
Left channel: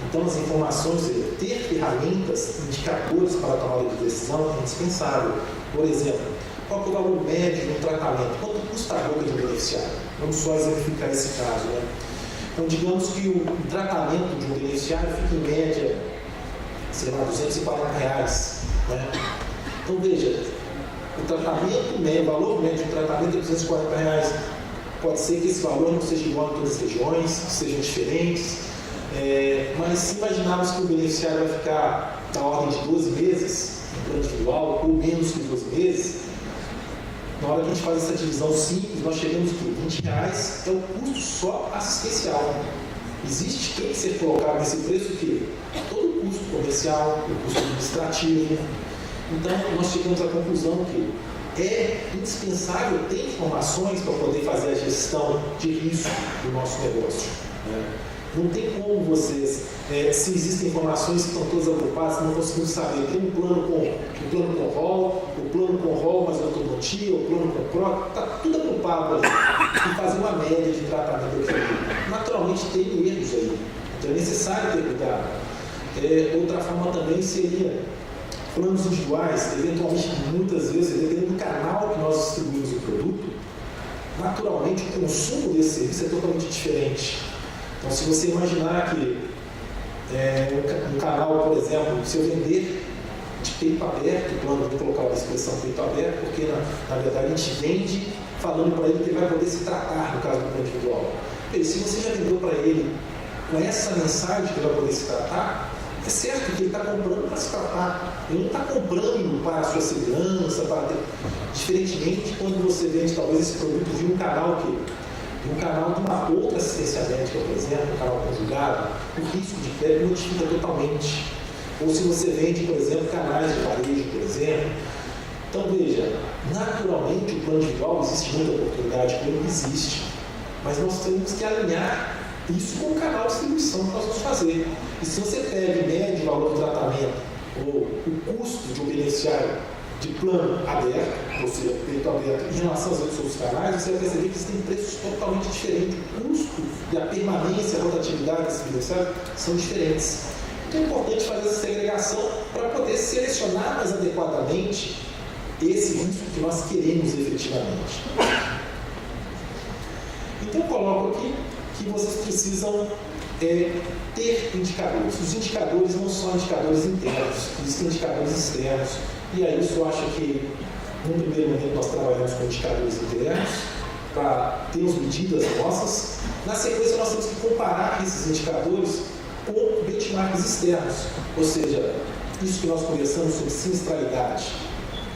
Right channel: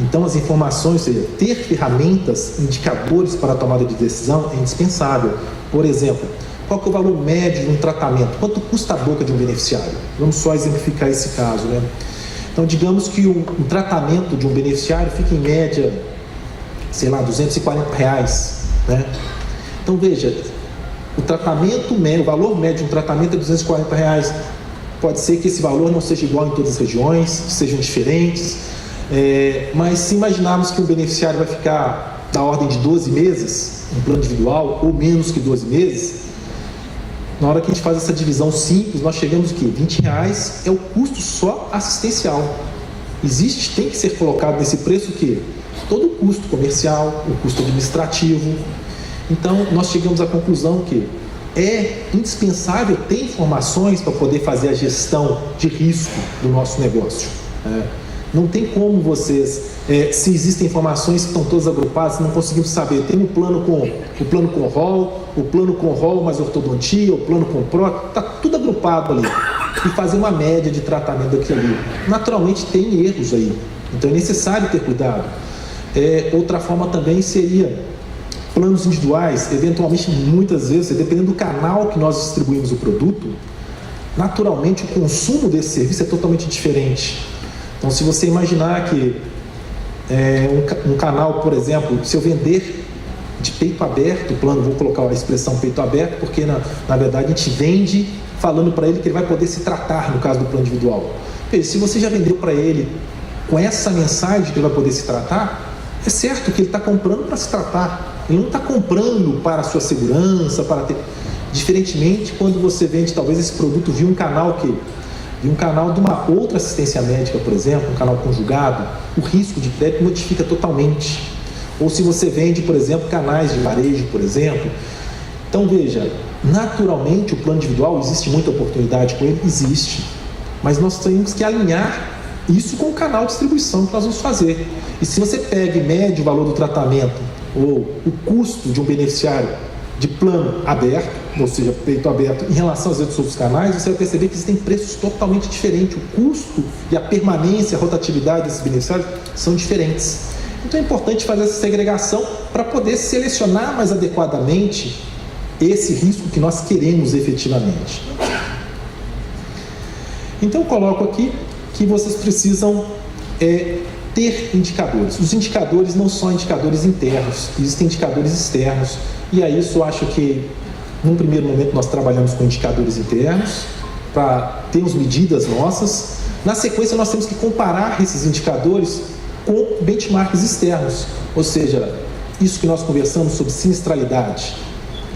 Então, as informações, ou seja, ter ferramentas, indicadores para a tomada de decisão é indispensável. Por exemplo, qual que é o valor médio de um tratamento? Quanto custa a boca de um beneficiário? Vamos só exemplificar esse caso, né? Então, digamos que o tratamento de um beneficiário fica em média, sei lá, R$240, né? Então, veja, o valor médio de um tratamento é R$240. Pode ser que esse valor não seja igual em todas as regiões, sejam diferentes, mas se imaginarmos que o beneficiário vai ficar da ordem de 12 meses, em plano individual, ou menos que 12 meses, na hora que a gente faz essa divisão simples, nós chegamos aqui, R$20 é o custo só assistencial. Tem que ser colocado nesse preço o quê? Todo o custo comercial, o custo administrativo. Então, nós chegamos à conclusão que é indispensável ter informações para poder fazer a gestão de risco do nosso negócio. Não tem como vocês, se existem informações que estão todas agrupadas, não conseguimos saber. Tem o plano com rol, mais ortodontia, o plano com prótese, está tudo agrupado ali. E fazer uma média de tratamento daquilo ali. Naturalmente tem erros aí, então é necessário ter cuidado. Outra forma também seria planos individuais, eventualmente, muitas vezes, dependendo do canal que nós distribuímos o produto, naturalmente o consumo desse serviço é totalmente diferente. Então, se você imaginar que um canal, por exemplo, se eu vender de peito aberto, o plano, vou colocar a expressão peito aberto, porque na verdade a gente vende falando para ele que ele vai poder se tratar no caso do plano individual. Se você já vendeu para ele com essa mensagem que ele vai poder se tratar, é certo que ele está comprando para se tratar. Ele não está comprando para a sua segurança, diferentemente quando você vende talvez esse produto via um canal de uma outra assistência médica, por exemplo, um canal conjugado, o risco de crédito modifica totalmente. Ou se você vende, por exemplo, canais de varejo, por exemplo. Então, veja, naturalmente o plano individual, existe muita oportunidade com ele? Existe. Mas nós temos que alinhar isso com o canal de distribuição que nós vamos fazer. E se você pega e mede o valor do tratamento ou o custo de um beneficiário de plano aberto, ou seja, peito aberto, em relação aos outros canais, você vai perceber que existem preços totalmente diferentes. O custo e a permanência, a rotatividade desses beneficiários são diferentes. Então é importante fazer essa segregação para poder selecionar mais adequadamente esse risco que nós queremos efetivamente. Então eu coloco aqui que vocês precisam ter indicadores. Os indicadores não são indicadores internos, existem indicadores externos. E aí isso eu acho que, num primeiro momento, nós trabalhamos com indicadores internos para termos medidas nossas. Na sequência, nós temos que comparar esses indicadores com benchmarks externos, ou seja, isso que nós conversamos sobre sinistralidade.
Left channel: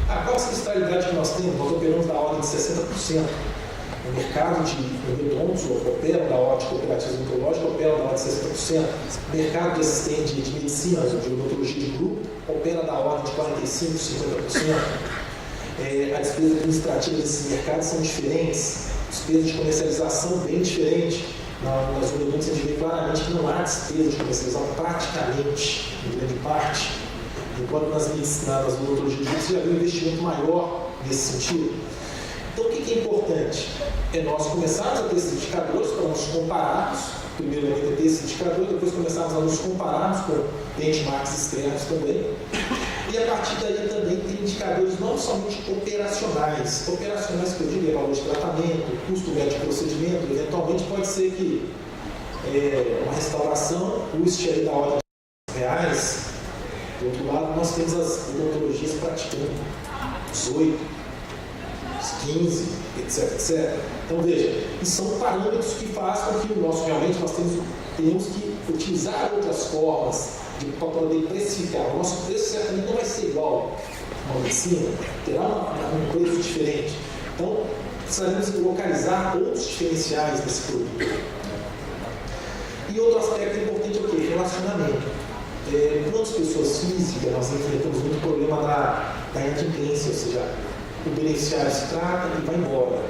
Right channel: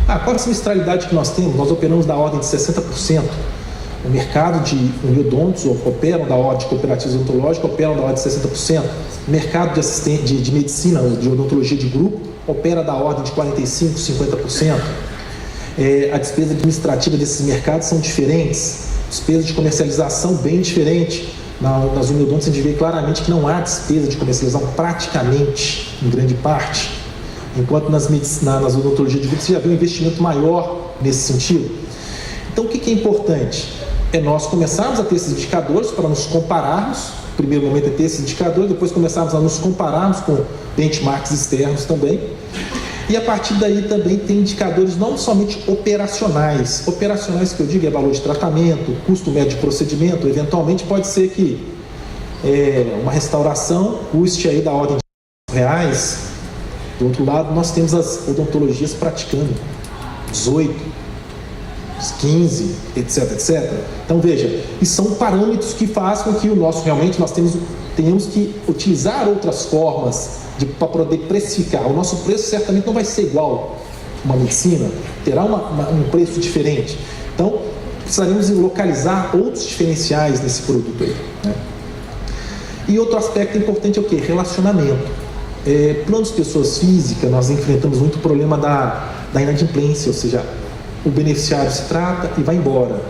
Qual é a sinistralidade que nós temos? Nós operamos da ordem de 60%. O mercado de endodontos operam da ordem de cooperativas odontológicas, operam da ordem de 60%. O mercado de medicina, de odontologia de grupo, opera da ordem de 45%, 50%. A despesa administrativa desses mercados são diferentes. Despesa de comercialização bem diferente. Nas endodontos a gente vê claramente que não há despesa de comercialização praticamente, em grande parte. Enquanto nas odontologias de grupo você já vê um investimento maior nesse sentido. Então o que é importante? É nós começarmos a ter esses indicadores para nos compararmos. No primeiro momento é ter esses indicadores, depois começarmos a nos compararmos com benchmarks externos também. E a partir daí também tem indicadores não somente operacionais. Operacionais que eu digo é valor de tratamento, custo médio de procedimento. Eventualmente pode ser que uma restauração custe aí da ordem de R$100. Do outro lado, nós temos as odontologias praticando 18, 15, etc, etc. Então veja, isso são parâmetros que fazem com que realmente nós tenhamos que utilizar outras formas para poder precificar. O nosso preço certamente não vai ser igual a uma medicina, terá um preço diferente. Então precisaremos localizar outros diferenciais nesse produto, né? E outro aspecto importante é o quê? Relacionamento. Planos de pessoas físicas, nós enfrentamos muito o problema da inadimplência, ou seja, o beneficiário se trata e vai embora.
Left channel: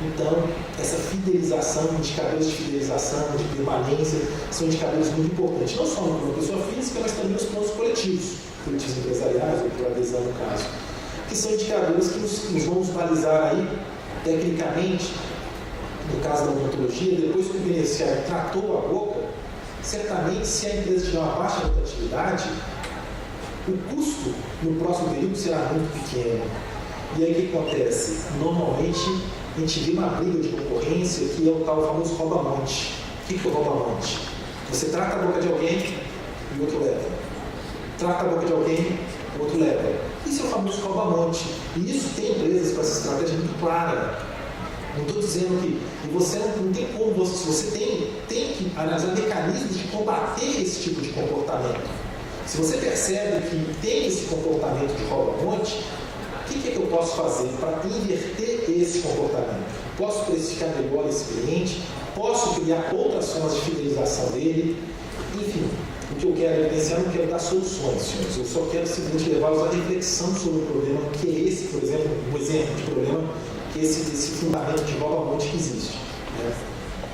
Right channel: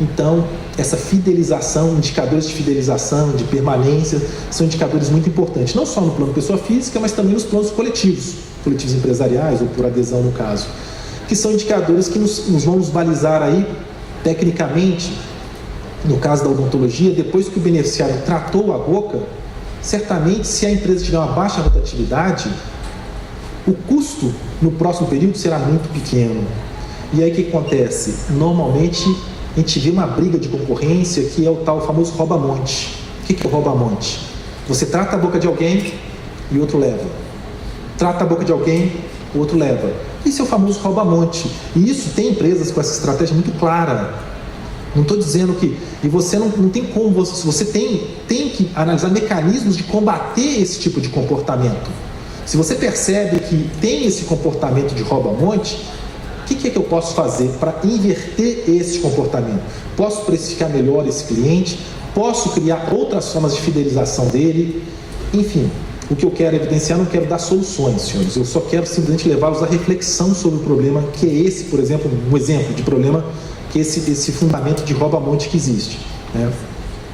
Então, essa fidelização, indicadores de fidelização, de permanência, são indicadores muito importantes, não só no plano pessoa física, mas também nos planos coletivos empresariais, ou por adesão no caso, que são indicadores que nos vão nos balizar aí, tecnicamente, no caso da odontologia, depois que o beneficiário tratou a boca, certamente, se a empresa tiver uma baixa rotatividade, o custo no próximo período será muito pequeno. E aí o que acontece? Normalmente a gente vê uma briga de concorrência que é o tal famoso rouba-monte. O que é o rouba-monte? Você trata a boca de alguém e o outro leva. Trata a boca de alguém, o outro leva. Isso é o famoso rouba-monte. E isso tem empresas com essa estratégia muito clara. Não estou dizendo que... E você não tem como... Você tem que analisar mecanismos de combater esse tipo de comportamento. Se você percebe que tem esse comportamento de rouba-monte, o que é que eu posso fazer para inverter esse comportamento? Posso precificar melhor esse cliente? Posso criar outras formas de fidelização dele? Enfim, o que eu quero evidenciar, não quero dar soluções, senhores. Eu só quero simplesmente levá-los à reflexão sobre o problema, que é esse, por exemplo, um exemplo de problema, que é esse fundamento de rouba-monte que existe, né?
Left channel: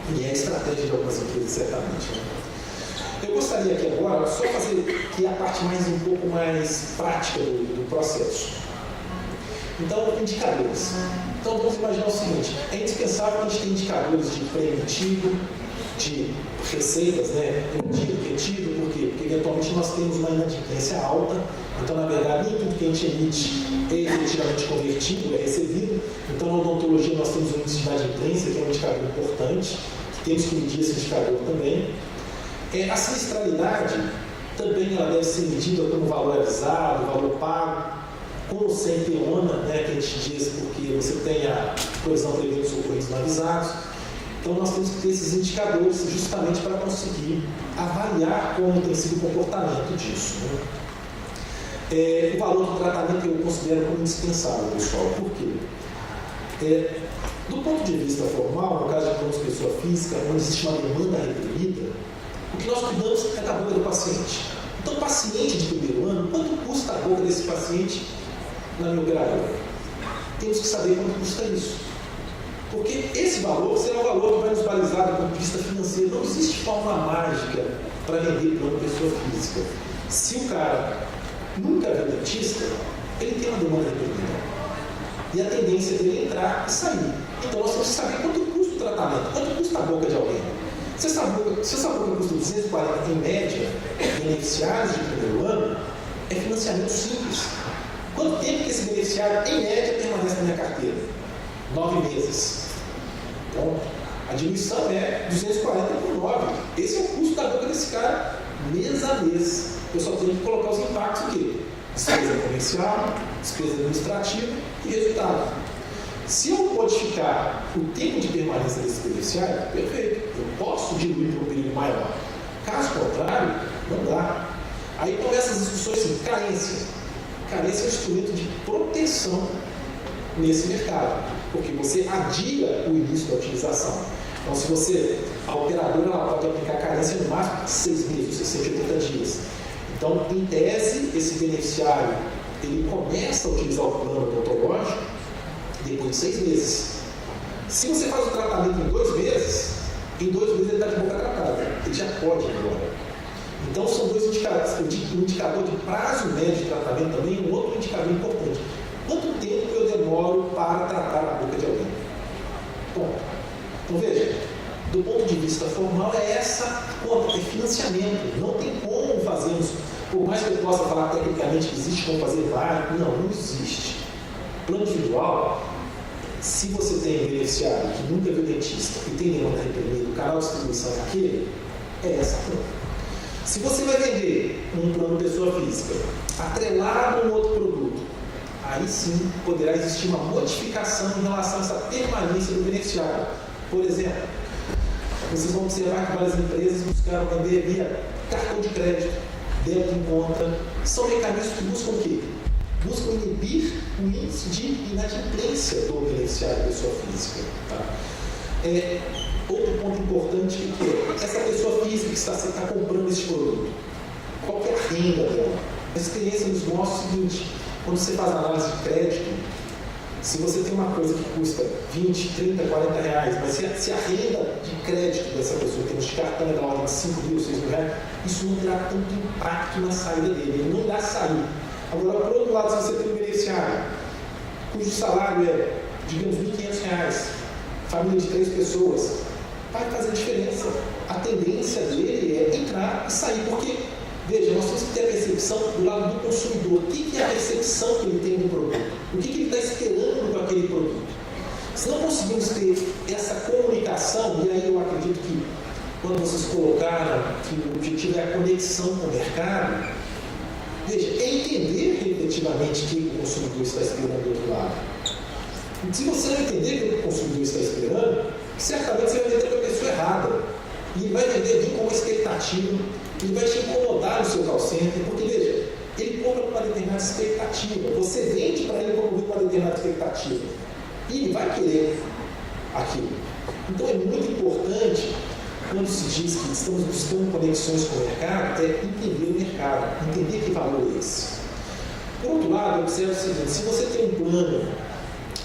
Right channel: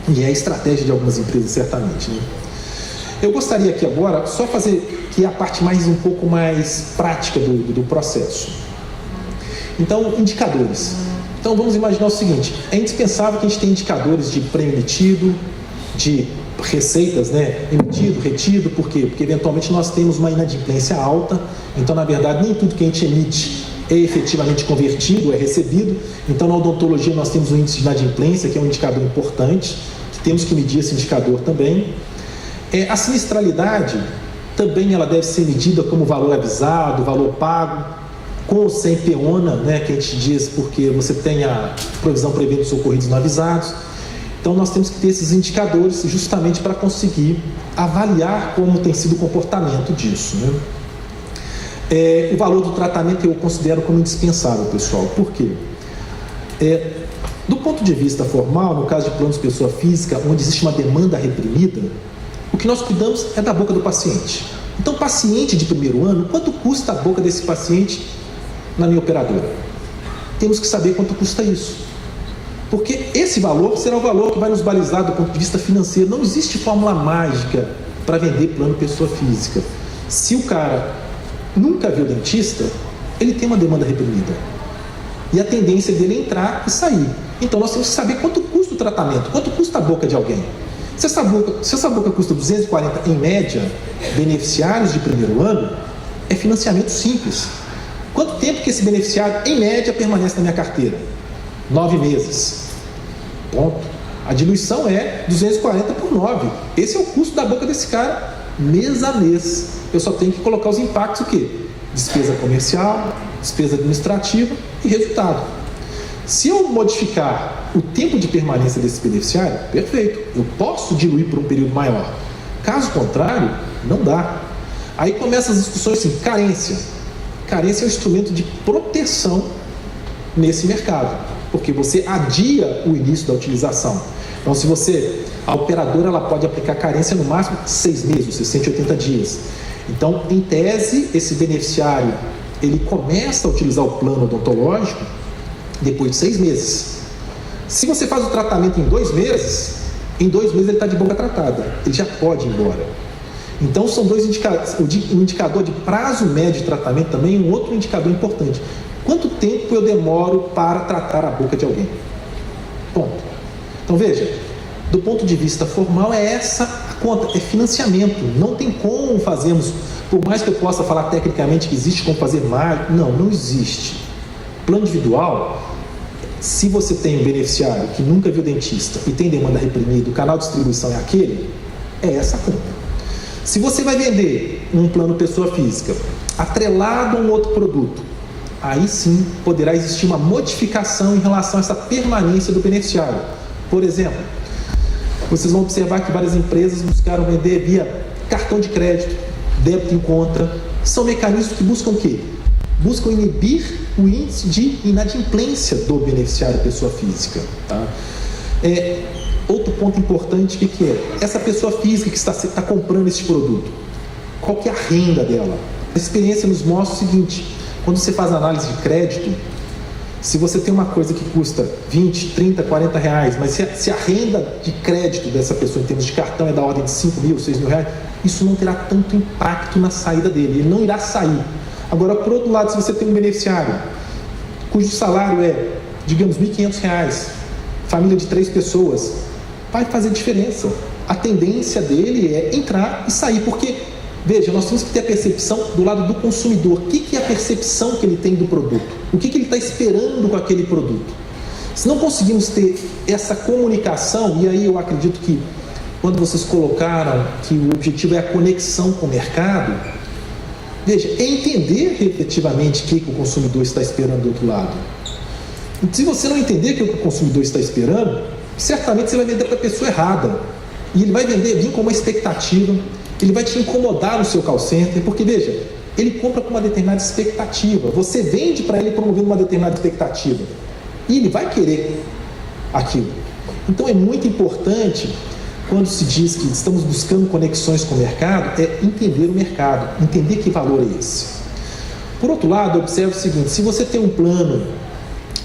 E é a estratégia de algumas empresas, certamente, né? Eu gostaria aqui agora só fazer que é a parte um pouco mais prática do processo. Então, indicadores. Então, vamos imaginar o seguinte: é indispensável que a gente tenha indicadores de prêmio emitido, de receitas, né? Emitido, retido, por quê? Porque eventualmente nós temos uma inadimplência alta, então, na verdade, nem tudo que a gente emite é efetivamente convertido, é recebido. Então, na odontologia, nós temos o índice de inadimplência, que é um indicador importante, que temos que medir esse indicador também. A sinistralidade também ela deve ser medida como valor avisado, valor pago, com ou sem PEONA, né, que a gente diz porque você tem a provisão para eventos ocorridos não avisados. Então nós temos que ter esses indicadores justamente para conseguir avaliar como tem sido o comportamento disso, né? O valor do tratamento eu considero como indispensável, pessoal. Por quê? Do ponto de vista formal, no caso de planos de pessoa física, onde existe uma demanda reprimida, o que nós cuidamos é da boca do paciente. Então, paciente de primeiro ano, quanto custa a boca desse paciente na minha operadora? Temos que saber quanto custa isso. Porque esse valor será o valor que vai nos balizar do ponto de vista financeiro. Não existe fórmula mágica para vender plano pessoa física. Se o cara nunca viu dentista, ele tem uma demanda reprimida. E a tendência dele é entrar e sair. Então, nós temos que saber quanto custa o tratamento, quanto custa a boca de alguém. Se essa boca custa 240 em média, beneficiários de primeiro ano, é financiamento simples. Quanto tempo que esse beneficiário, em média, permanece na minha carteira? 9 meses. Ponto. A diluição é 240 por 9. Esse é o custo da boca desse cara, mês a mês. Eu só tenho que colocar os impactos, o quê? Despesa comercial, despesa administrativa e resultado. Se eu modificar o tempo de permanência desse beneficiário, perfeito, eu posso diluir por um período maior. Caso contrário, não dá. Aí começam as discussões assim, carência. Carência é um instrumento de proteção nesse mercado, porque você adia o início da utilização. Então, a operadora ela pode aplicar carência no máximo 6 meses, 680 dias. Então, em tese, esse beneficiário, ele começa a utilizar o plano odontológico depois de 6 meses. Se você faz o tratamento em 2 meses, em 2 meses ele está de boca tratada, ele já pode ir embora. Então, são dois indicadores. O indicador de prazo médio de tratamento também é um outro indicador importante. Quanto tempo eu demoro para tratar a boca de alguém? Ponto. Então, veja, do ponto de vista formal, é essa a conta, é financiamento. Não tem como fazermos, por mais que eu possa falar tecnicamente que existe como fazer mais, não existe. Plano individual, se você tem um beneficiário que nunca viu dentista e tem demanda reprimida, o canal de distribuição é aquele, é essa a conta. Se você vai vender um plano pessoa física atrelado a um outro produto, aí sim poderá existir uma modificação em relação a essa permanência do beneficiário. Por exemplo, vocês vão observar que várias empresas buscaram vender via cartão de crédito, débito em conta. São mecanismos que buscam o quê? Buscam inibir o índice de inadimplência do beneficiário pessoa física. Tá? Outro ponto importante, o que é? Essa pessoa física que está comprando esse produto, qual que é a renda dela? A experiência nos mostra o seguinte, quando você faz análise de crédito, se você tem uma coisa que custa 20, 30, 40 reais, mas se a renda de crédito dessa pessoa em termos de cartão é da ordem de 5 mil, 6 mil reais, isso não terá tanto impacto na saída dele, ele não irá sair. Agora, por outro lado, se você tem um beneficiário cujo salário é, digamos, R$1.500, família de 3 pessoas, vai fazer diferença. A tendência dele é entrar e sair, porque, veja, nós temos que ter a percepção do lado do consumidor. O que é a percepção que ele tem do produto? O que ele está esperando com aquele produto? Se não conseguimos ter essa comunicação, e aí eu acredito que quando vocês colocaram que o objetivo é a conexão com o mercado, veja, é entender efetivamente o que o consumidor está esperando do outro lado. E se você não entender o que o consumidor está esperando, certamente você vai vender para a pessoa errada. E ele vai vir com uma expectativa, ele vai te incomodar no seu call center, porque, veja, ele compra com uma determinada expectativa. Você vende para ele promovendo uma determinada expectativa. E ele vai querer aquilo. Então, é muito importante, quando se diz que estamos buscando conexões com o mercado, é entender o mercado, entender que valor é esse. Por outro lado, observe o seguinte, se você tem um plano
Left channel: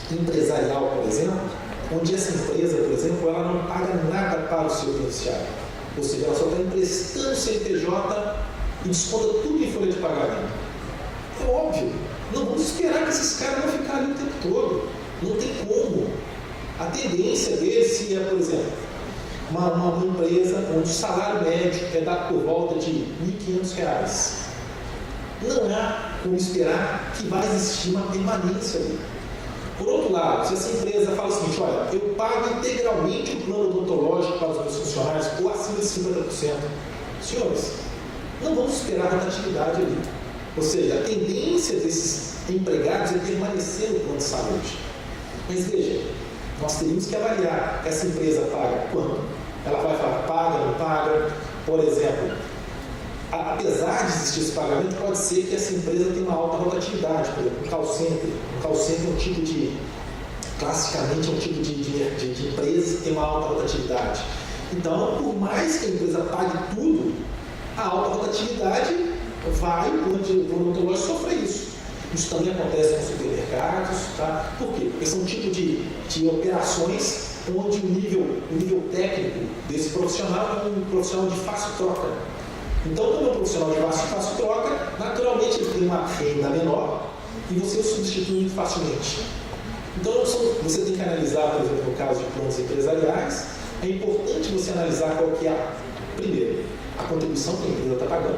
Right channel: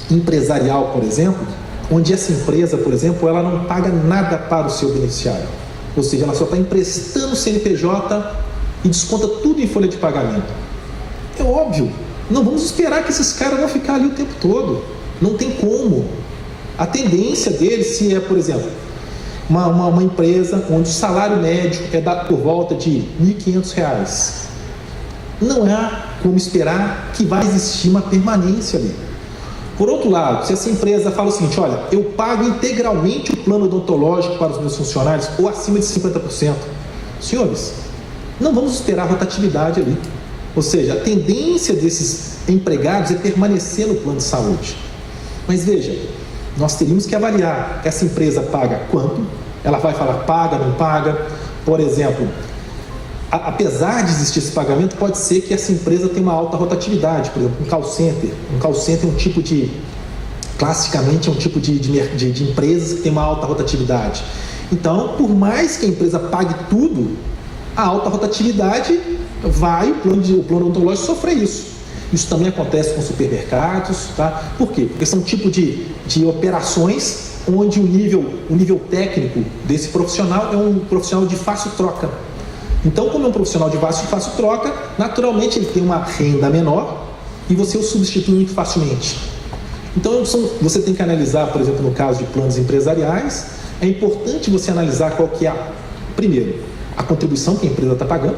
empresarial, por exemplo, onde essa empresa, por exemplo, ela não paga nada para o seu beneficiário. Ou seja, ela só está emprestando o CNPJ e desconta tudo em folha de pagamento. É óbvio, não vamos esperar que esses caras vão ficar ali o tempo todo. Não tem como. A tendência deles, se é, por exemplo, uma empresa onde o salário médio é dado por volta de R$1.500, não há como esperar que vai existir uma permanência ali. Por outro lado, se essa empresa fala o seguinte, olha, eu pago integralmente o plano odontológico para os meus funcionários ou acima de 50%. Senhores, não vamos esperar rotatividade ali. Ou seja, a tendência desses empregados é permanecer no plano de saúde. Mas veja, nós teríamos que avaliar, essa empresa paga quanto? Ela vai falar paga, não paga? Por exemplo, apesar de existir esse pagamento, pode ser que essa empresa tenha uma alta rotatividade, por exemplo, um call center. Um call center é um tipo de, classicamente, é um tipo de empresas que tem uma alta rotatividade. Então, por mais que a empresa pague tudo, a alta rotatividade vai, o plano odontológico sofrer isso. Isso também acontece com supermercados, tá? Por quê? Porque são um tipo de operações onde o nível técnico desse profissional é um profissional de fácil troca. Então, como é um profissional de fácil troca, naturalmente ele tem uma renda menor e você o substitui muito facilmente. Então, você tem que analisar, por exemplo, no caso de planos empresariais, é importante você analisar qual que é, primeiro, a contribuição que a empresa está pagando,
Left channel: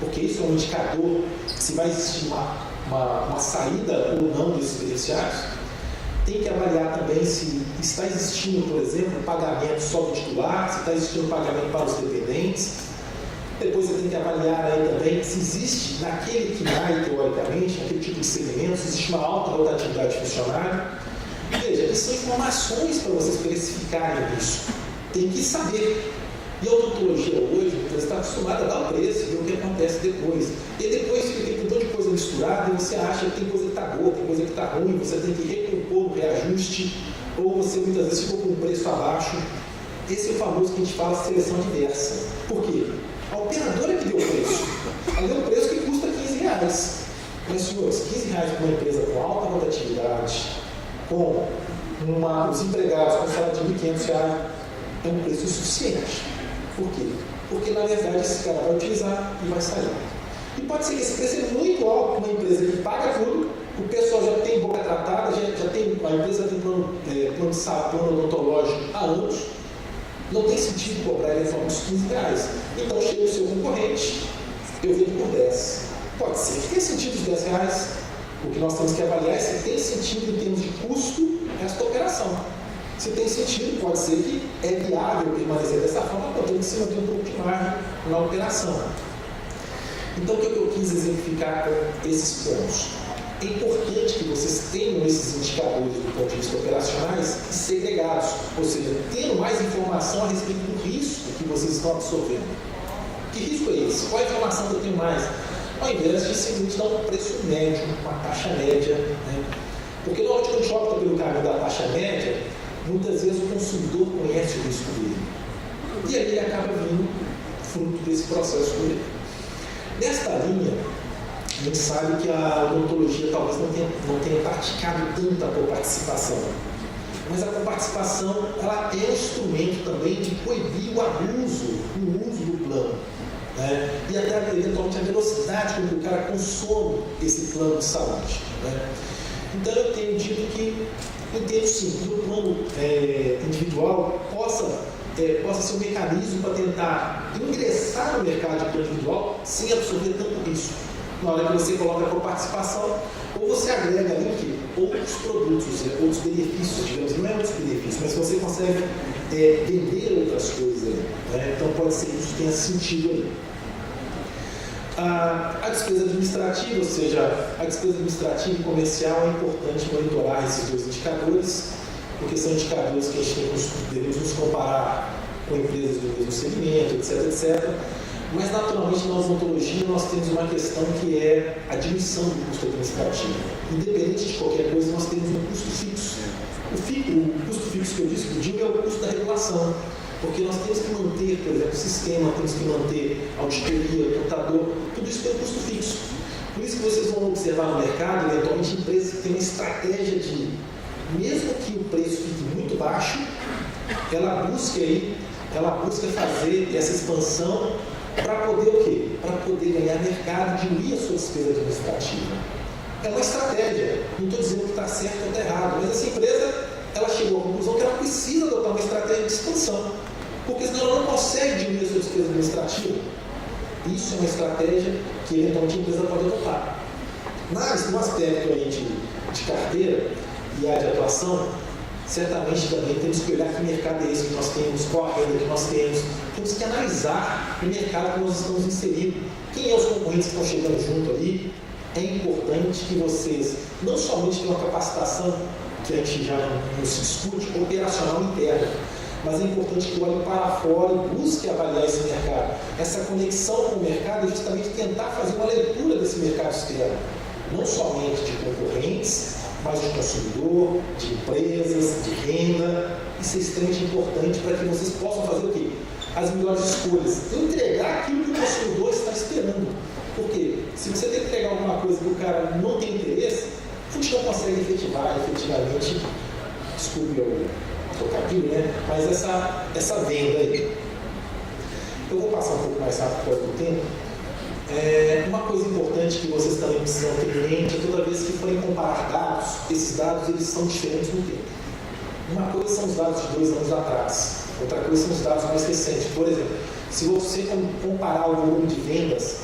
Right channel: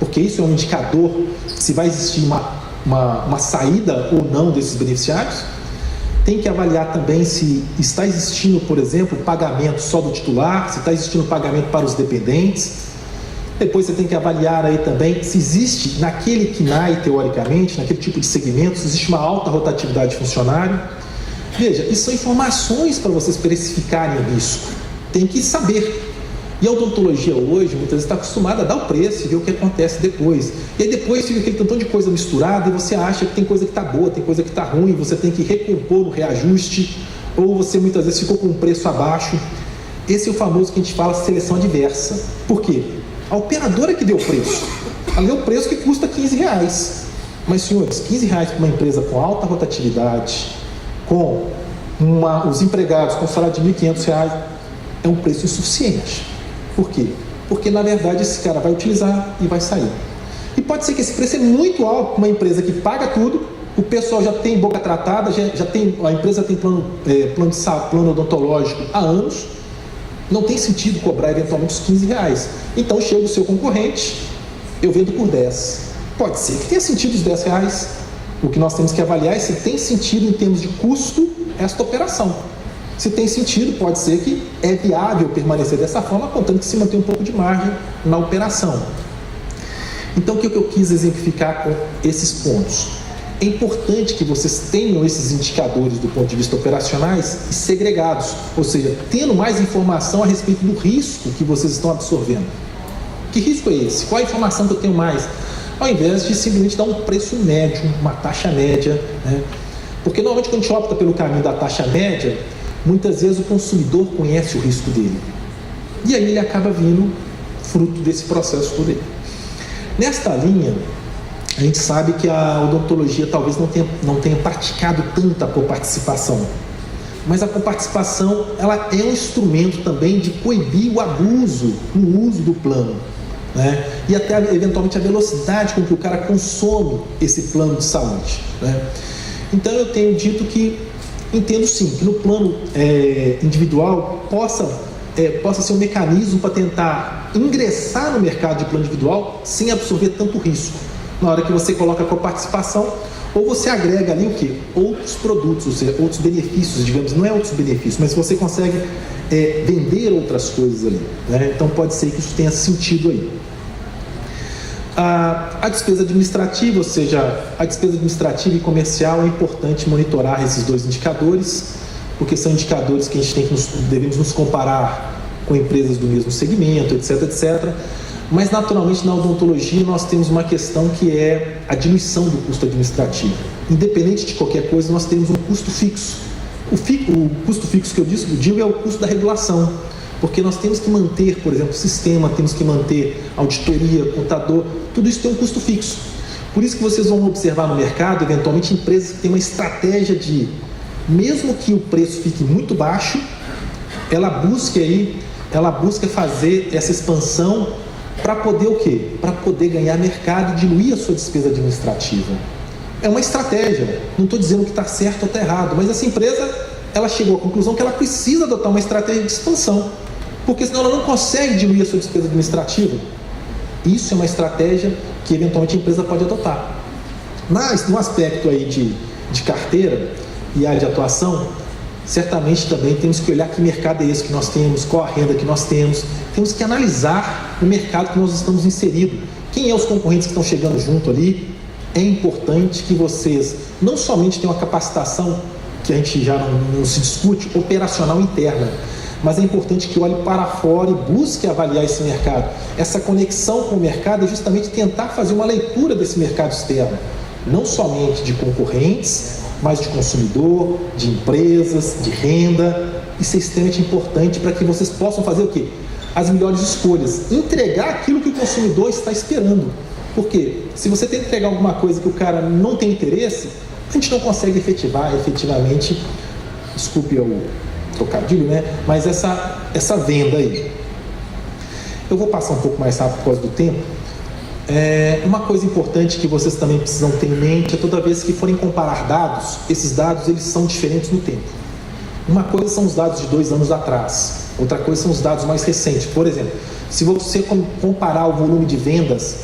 porque isso é um indicador se vai existir uma saída ou não desses beneficiários. Tem que avaliar também se está existindo, por exemplo, pagamento só do titular, se está existindo pagamento para os dependentes. Depois você tem que avaliar aí também se existe naquele KNAI, teoricamente, naquele tipo de segmento, se existe uma alta rotatividade de funcionário. Veja, isso são informações para vocês precificarem o risco. Tem que saber. E a odontologia hoje, muitas vezes, está acostumada a dar o preço e ver o que acontece depois. E aí depois fica aquele tantão de coisa misturada e você acha que tem coisa que está boa, tem coisa que está ruim, você tem que recompor no reajuste, ou você muitas vezes ficou com um preço abaixo. Esse é o famoso que a gente fala seleção adversa. Por quê? A operadora que deu o preço, ela deu o preço que custa R$15. Mas, senhores, R$15 para uma empresa com alta rotatividade, com os empregados com salário de R$1.500, é um preço insuficiente. Por quê? Porque, na verdade, esse cara vai utilizar e vai sair. E pode ser que esse preço é muito alto para uma empresa que paga tudo, o pessoal já tem boca tratada, a empresa tem plano odontológico há anos, não tem sentido cobrar eventualmente os R$15. Então chega o seu concorrente, eu vendo por 10. Pode ser que tenha sentido os R$10. O que nós temos que avaliar é se tem sentido em termos de custo esta operação. Se tem sentido, pode ser que é viável permanecer dessa forma, contando que se mantém um pouco de margem na operação. Então, o que eu quis exemplificar com esses pontos? É importante que vocês tenham esses indicadores do ponto de vista operacionais e segregados, ou seja, tendo mais informação a respeito do risco que vocês estão absorvendo. Que risco é esse? Qual a informação que eu tenho mais? Ao invés de simplesmente dar um preço médio, uma taxa média, né? Porque normalmente quando a gente opta pelo caminho da taxa média, muitas vezes o consumidor conhece o risco dele. E aí ele acaba vindo fruto desse processo por ele. Nesta linha, a gente sabe que a odontologia talvez não tenha praticado tanta coparticipação. Mas a coparticipação, ela é um instrumento também de coibir o abuso no uso do plano, né? E até eventualmente a velocidade com que o cara consome esse plano de saúde, né? Então eu tenho dito que entendo sim que no plano individual possa ser um mecanismo para tentar ingressar no mercado de plano individual sem absorver tanto risco. Na hora que você coloca a coparticipação, ou você agrega ali o quê? Outros produtos, ou seja, outros benefícios, digamos, não é outros benefícios, mas você consegue vender outras coisas ali, né? Então pode ser que isso tenha sentido aí. A despesa administrativa, ou seja, a despesa administrativa e comercial, é importante monitorar esses dois indicadores, porque são indicadores que a gente devemos nos comparar com empresas do mesmo segmento, etc, etc. Mas, naturalmente, na odontologia nós temos uma questão que é a diminuição do custo administrativo. Independente de qualquer coisa, nós temos um custo fixo. O custo fixo que eu digo é o custo da regulação, porque nós temos que manter, por exemplo, o sistema, temos que manter auditoria, contador, tudo isso tem um custo fixo. Por isso que vocês vão observar no mercado, eventualmente, empresas que têm uma estratégia de, mesmo que o preço fique muito baixo, ela busca fazer essa expansão para poder o quê? Para poder ganhar mercado e diluir a sua despesa administrativa. É uma estratégia, não estou dizendo que está certo ou está errado, mas essa empresa, ela chegou à conclusão que ela precisa adotar uma estratégia de expansão, porque senão ela não consegue diluir a sua despesa administrativa. Isso é uma estratégia que eventualmente a empresa pode adotar. Mas no aspecto aí de carteira e área de atuação, certamente também temos que olhar que mercado é esse que nós temos, qual a renda que nós temos. Temos que analisar o mercado que nós estamos inseridos. Quem é os concorrentes que estão chegando junto ali? É importante que vocês não somente tenham uma capacitação, que a gente já não se discute, operacional interna, mas é importante que olhe para fora e busque avaliar esse mercado. Essa conexão com o mercado é justamente tentar fazer uma leitura desse mercado externo, não somente de concorrentes, mas de consumidor, de empresas, de renda. Isso é extremamente importante para que vocês possam fazer o quê? As melhores escolhas, entregar aquilo que o consumidor está esperando. Porque se você tem que entregar alguma coisa que o cara não tem interesse, a gente não consegue efetivamente, desculpe o trocadilho, né? Mas essa venda aí. Eu vou passar um pouco mais rápido por causa do tempo. Uma coisa importante que vocês também precisam ter em mente é toda vez que forem comparar dados, esses dados eles são diferentes no tempo. Uma coisa são os dados de 2 anos atrás, Outra coisa são os dados mais recentes. Por exemplo, se você comparar o volume de vendas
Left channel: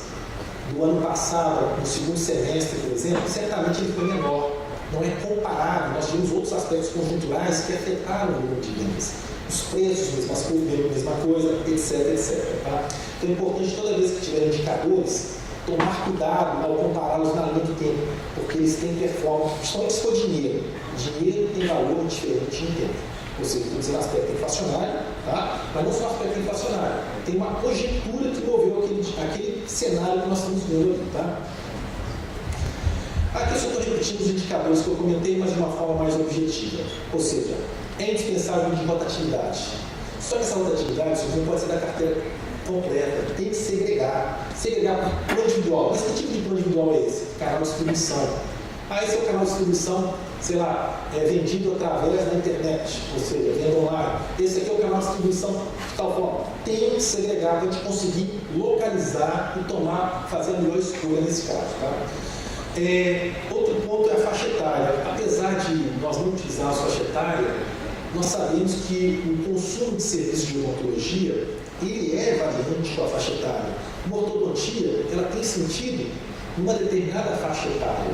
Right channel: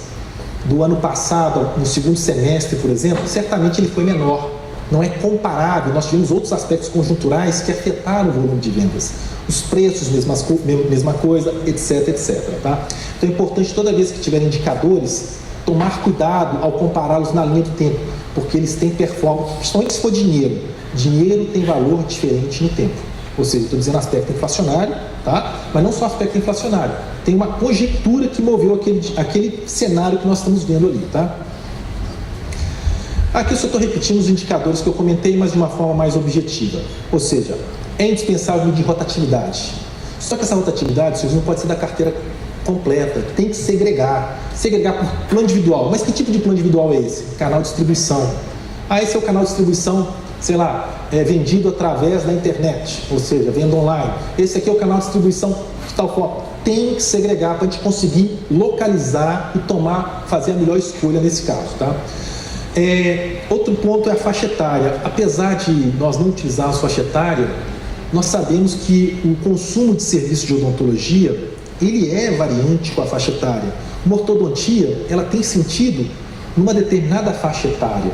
do ano passado, no segundo semestre, por exemplo, certamente ele foi menor. Não é comparável. Nós tivemos outros aspectos conjunturais que afetaram o volume de vendas. Os preços, mesma coisa, etc, etc. Tá? Então é importante, toda vez que tiver indicadores, tomar cuidado ao compará-los na linha do tempo, porque eles têm performance, principalmente se for dinheiro. Dinheiro tem valor diferente no tempo. Ou seja, estou dizendo aspecto inflacionário, tá? Mas não só aspecto inflacionário. Tem uma conjectura que moveu aquele cenário que nós estamos vendo ali. Tá? Aqui eu só estou repetindo os indicadores que eu comentei, mas de uma forma mais objetiva. Ou seja, é indispensável medir rotatividade. Só que essa rotatividade, não pode ser da carteira completa, tem que segregar. Segregar por plano individual. Mas que tipo de plano individual é esse? Canal de distribuição. Esse é o canal de distribuição, sei lá, vendido através da internet, ou seja, venda online. Esse aqui é o canal de distribuição de tal forma. Tem que segregar para a gente conseguir localizar e fazer a melhor escolha nesse caso. Tá? Outro ponto é a faixa etária. Apesar de nós não utilizarmos faixa etária, nós sabemos que o consumo de serviços de odontologia ele é variante com a faixa etária. Uma ortodontia, ela tem sentido numa determinada faixa etária.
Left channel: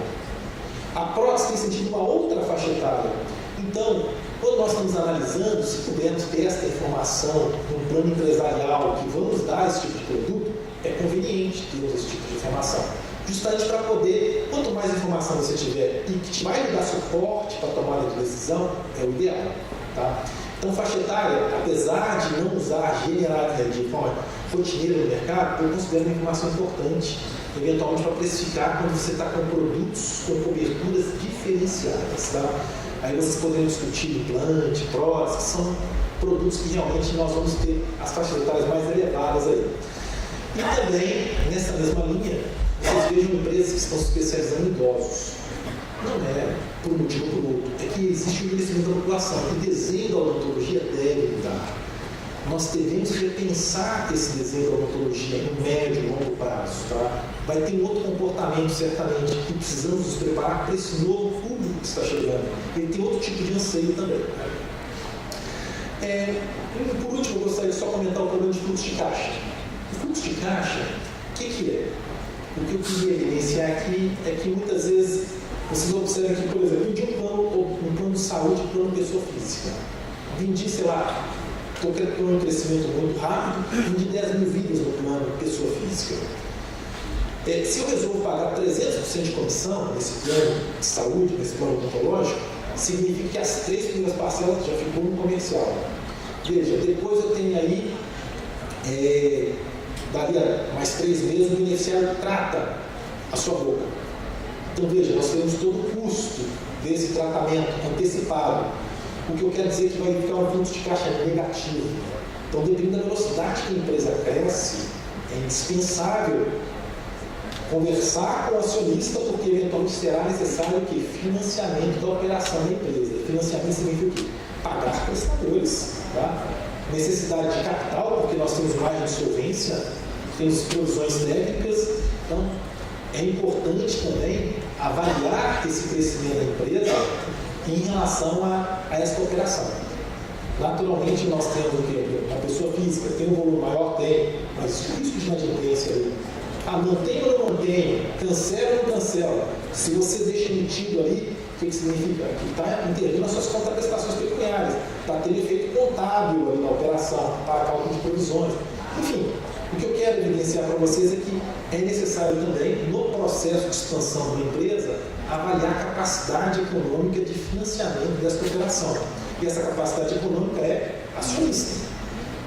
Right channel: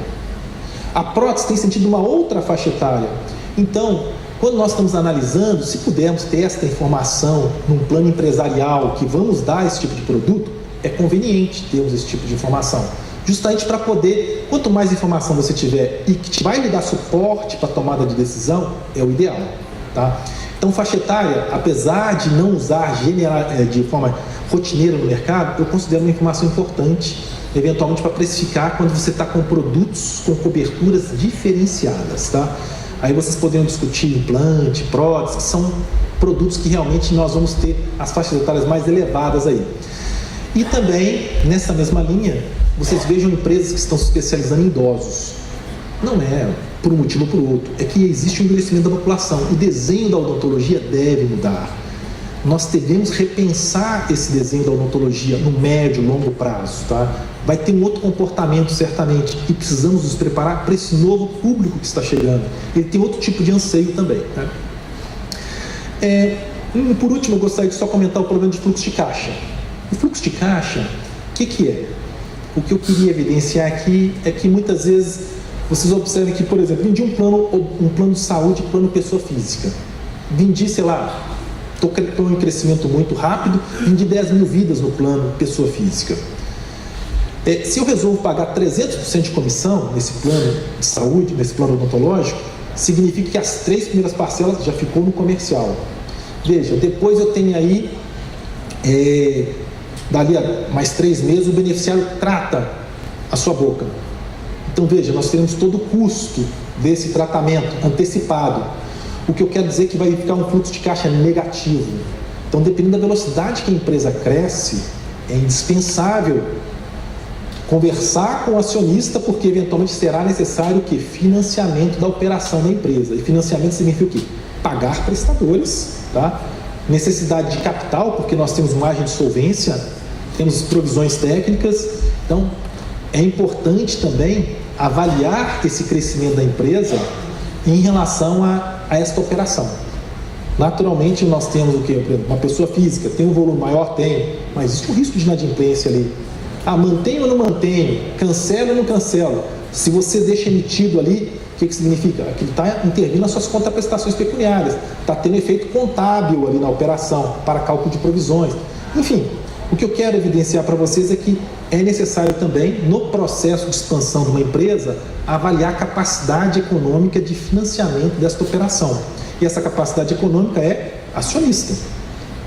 A prótese tem sentido numa outra faixa etária. Então, quando nós estamos analisando, se pudermos ter esta informação num plano empresarial que vamos dar esse tipo de produto, é conveniente termos esse tipo de informação. Justamente para poder, quanto mais informação você tiver e que vai lhe dar suporte para a tomada de decisão, é o ideal. Tá? Então, faixa etária, apesar de não usar de forma rotineira no mercado, eu considero uma informação importante, eventualmente para precificar quando você está com produtos com coberturas diferenciadas. Tá? Aí vocês poderiam discutir implante, prótese, que são produtos que realmente nós vamos ter as faixas etárias mais elevadas aí. E também, nessa mesma linha, vocês vejam empresas que estão se especializando em idosos. Não é por um motivo ou por outro, é que existe um envelhecimento da população. O desenho da odontologia deve mudar. Nós devemos repensar esse desenho da odontologia no médio e longo prazo. Tá? Vai ter um outro comportamento, certamente, e precisamos nos preparar para esse novo público que está chegando. Ele tem outro tipo de anseio também. Tá? Por último, eu gostaria de só comentar o problema de fluxo de caixa. O fluxo de caixa, o que é? O que eu queria evidenciar aqui é que muitas vezes vocês observam que, por exemplo, vendi um plano de saúde, plano pessoa física. Vendi, sei lá, estou em crescimento muito rápido, vendi 10 mil vidas no plano pessoa física. Se eu resolvo pagar 300% de comissão nesse plano de saúde, nesse plano odontológico, significa que as 3 primeiras parcelas já ficou no comercial. Veja, depois eu tenho aí, dali a mais 3 meses, o beneficiário trata a sua boca. Então veja, nós teremos todo o custo desse tratamento antecipado. O que eu quero dizer é que vai ficar um fluxo de caixa negativo. Então, dependendo da velocidade que a empresa cresce, é indispensável conversar com o acionista, porque eventualmente será necessário o quê? Financiamento da operação da empresa. E financiamento significa o quê? Pagar prestadores, tá? Necessidade de capital, porque nós temos margem de solvência, temos provisões técnicas. Então, é importante também avaliar esse crescimento da empresa em relação a esta operação. Naturalmente, nós temos o quê? Uma pessoa física tem um volume maior? Tem, mas existe um risco de inadimplência ali. Mantenho ou não mantenho? Cancelo ou não cancelo? Se você deixa emitido ali, o que significa? Aquilo está intervindo nas suas contraprestações pecuniárias, está tendo efeito contábil ali na operação, para cálculo de provisões. Enfim, o que eu quero evidenciar para vocês é que é necessário também, no processo de expansão de uma empresa, avaliar a capacidade econômica de financiamento desta operação. E essa capacidade econômica é acionista.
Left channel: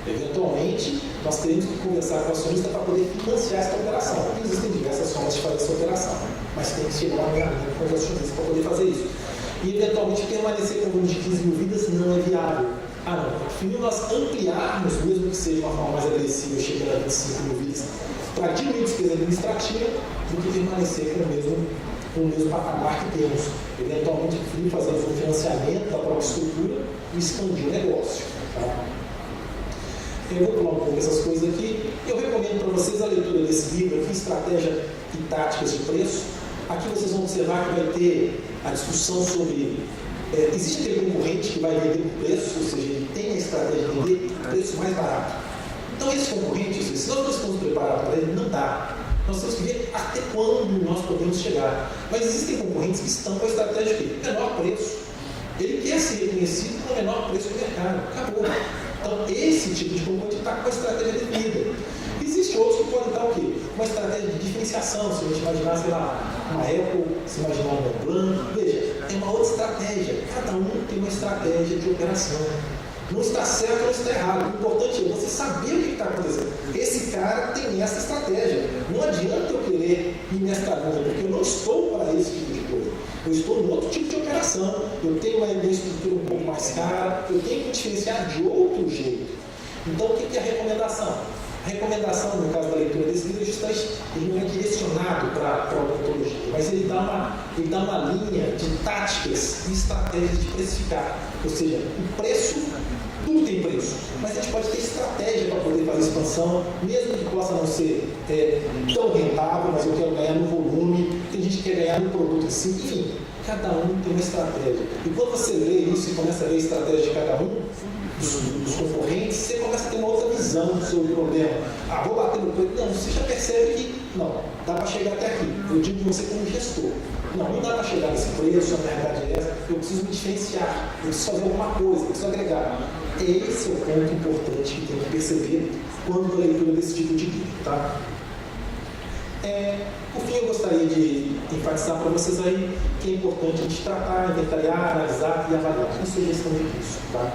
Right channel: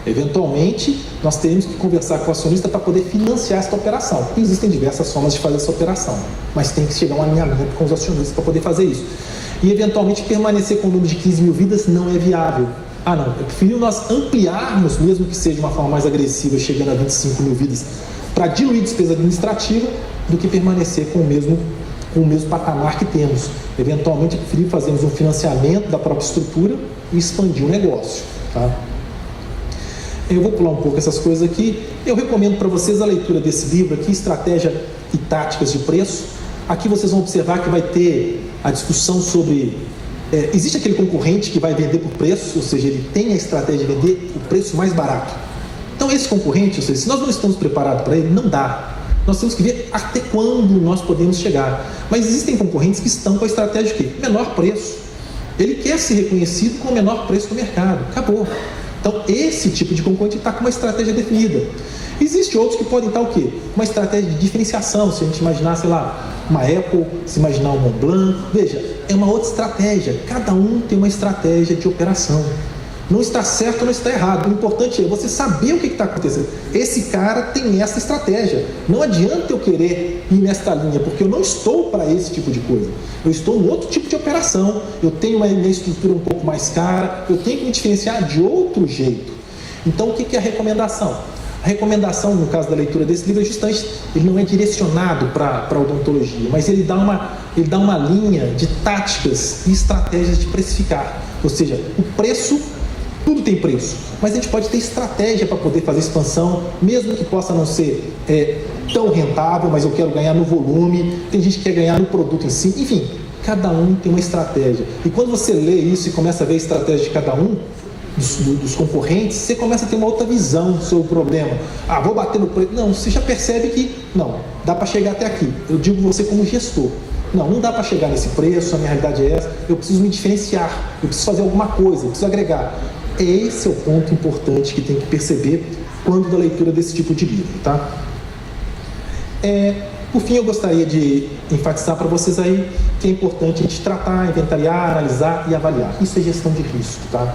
Eventualmente, nós teremos que conversar com o acionista para poder financiar esta operação. Existem diversas formas de fazer essa operação, mas tem que chegar a um alinhamento com os acionistas para poder fazer isso. E, eventualmente, permanecer com o número de 15 mil vidas não é viável. Não, é preferível nós ampliarmos, mesmo que seja de uma forma mais agressiva, chegando a 25 mil vidas, para diluir despesa administrativa, do que permanecer com o mesmo patamar que temos. Eventualmente, é preferível fazermos um financiamento da própria estrutura e expandir o negócio. Tá? Eu vou pular um pouco essas coisas aqui. Eu recomendo para vocês a leitura desse livro aqui, Estratégia e Táticas de Preço. Aqui vocês vão observar que vai ter a discussão sobre Existe aquele concorrente que vai vender por preço, ou seja, ele tem a estratégia de vender o preço mais barato. Então esse concorrente, ou seja, se nós não estamos preparados para ele, não dá. Nós temos que ver até quando nós podemos chegar. Mas existem concorrentes que estão com a estratégia de quê? Menor preço. Ele quer ser reconhecido com o menor preço do mercado. Acabou. Então esse tipo de concorrente está com uma estratégia definida. Existem outros que podem estar o quê? Uma estratégia de diferenciação. Se a gente imaginar, sei lá, uma Apple, se imaginar um Montblanc, veja, é uma outra estratégia. Cada um tem uma estratégia de operação. Não está certo ou não está errado. O importante é você saber o que está acontecendo. Esse cara tem essa estratégia. Não adianta eu querer ir nesta linha, porque eu não estou para esse tipo de coisa. Eu estou em outro tipo de operação. Eu tenho uma estrutura um pouco mais cara. Eu tenho que me diferenciar de outro jeito. Então, o que é a recomendação? A recomendação, no caso da leitura desse livro, é justamente, ele não é direcionado para a odontologia, mas ele dá uma linha de táticas e estratégias de precificar. Ou seja, o preço, tudo tem preço, mas a gente pode ter estratégia para poder fazer expansão, mesmo que possa não ser tão rentável, mas eu quero ganhar no volume, tem gente que quer ganhar no produto em si, enfim, cada um tem uma estratégia. E quando você lê isso e começa a ver a estratégia de cada um, dos concorrentes, você começa a ter uma outra visão sobre o problema. Vou bater no preço. Não, você já percebe que, não, dá para chegar até aqui. Eu digo você como gestor. Não dá para chegar nesse preço, a minha realidade é essa, eu preciso me diferenciar, eu preciso fazer alguma coisa, eu preciso agregar. Esse é o ponto importante que tem que perceber quando da leitura desse tipo de livro, tá? Por fim, eu gostaria de enfatizar para vocês aí que é importante a gente tratar, inventariar, analisar e avaliar. Isso é gestão de risco, tá?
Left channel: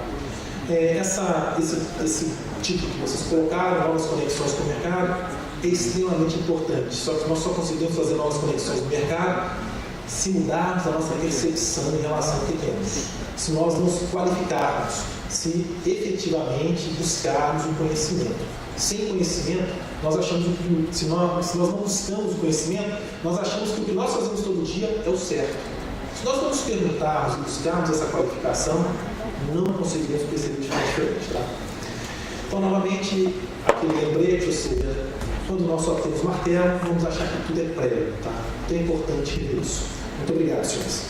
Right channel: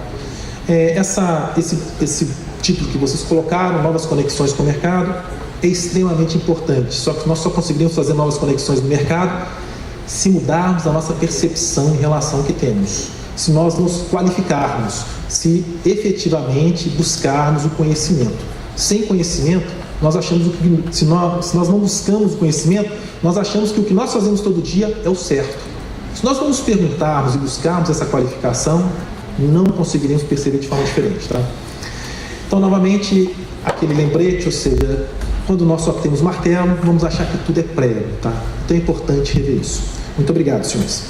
Esse título que vocês colocaram, novas conexões com o mercado, é extremamente importante. Só que nós só conseguimos fazer novas conexões no mercado se mudarmos a nossa percepção em relação ao que temos. Se nós nos qualificarmos, se efetivamente buscarmos o conhecimento. Sem conhecimento, nós achamos que, se nós não buscamos o conhecimento, nós achamos que o que nós fazemos todo dia é o certo. Se nós não nos perguntarmos e buscarmos essa qualificação, não conseguiríamos perceber de forma diferente, tá? Então, novamente, aquele lembrete, ou seja, quando nós só temos martelo, vamos achar que tudo é prego, tá? Então é importante rever isso. Muito obrigado, senhores.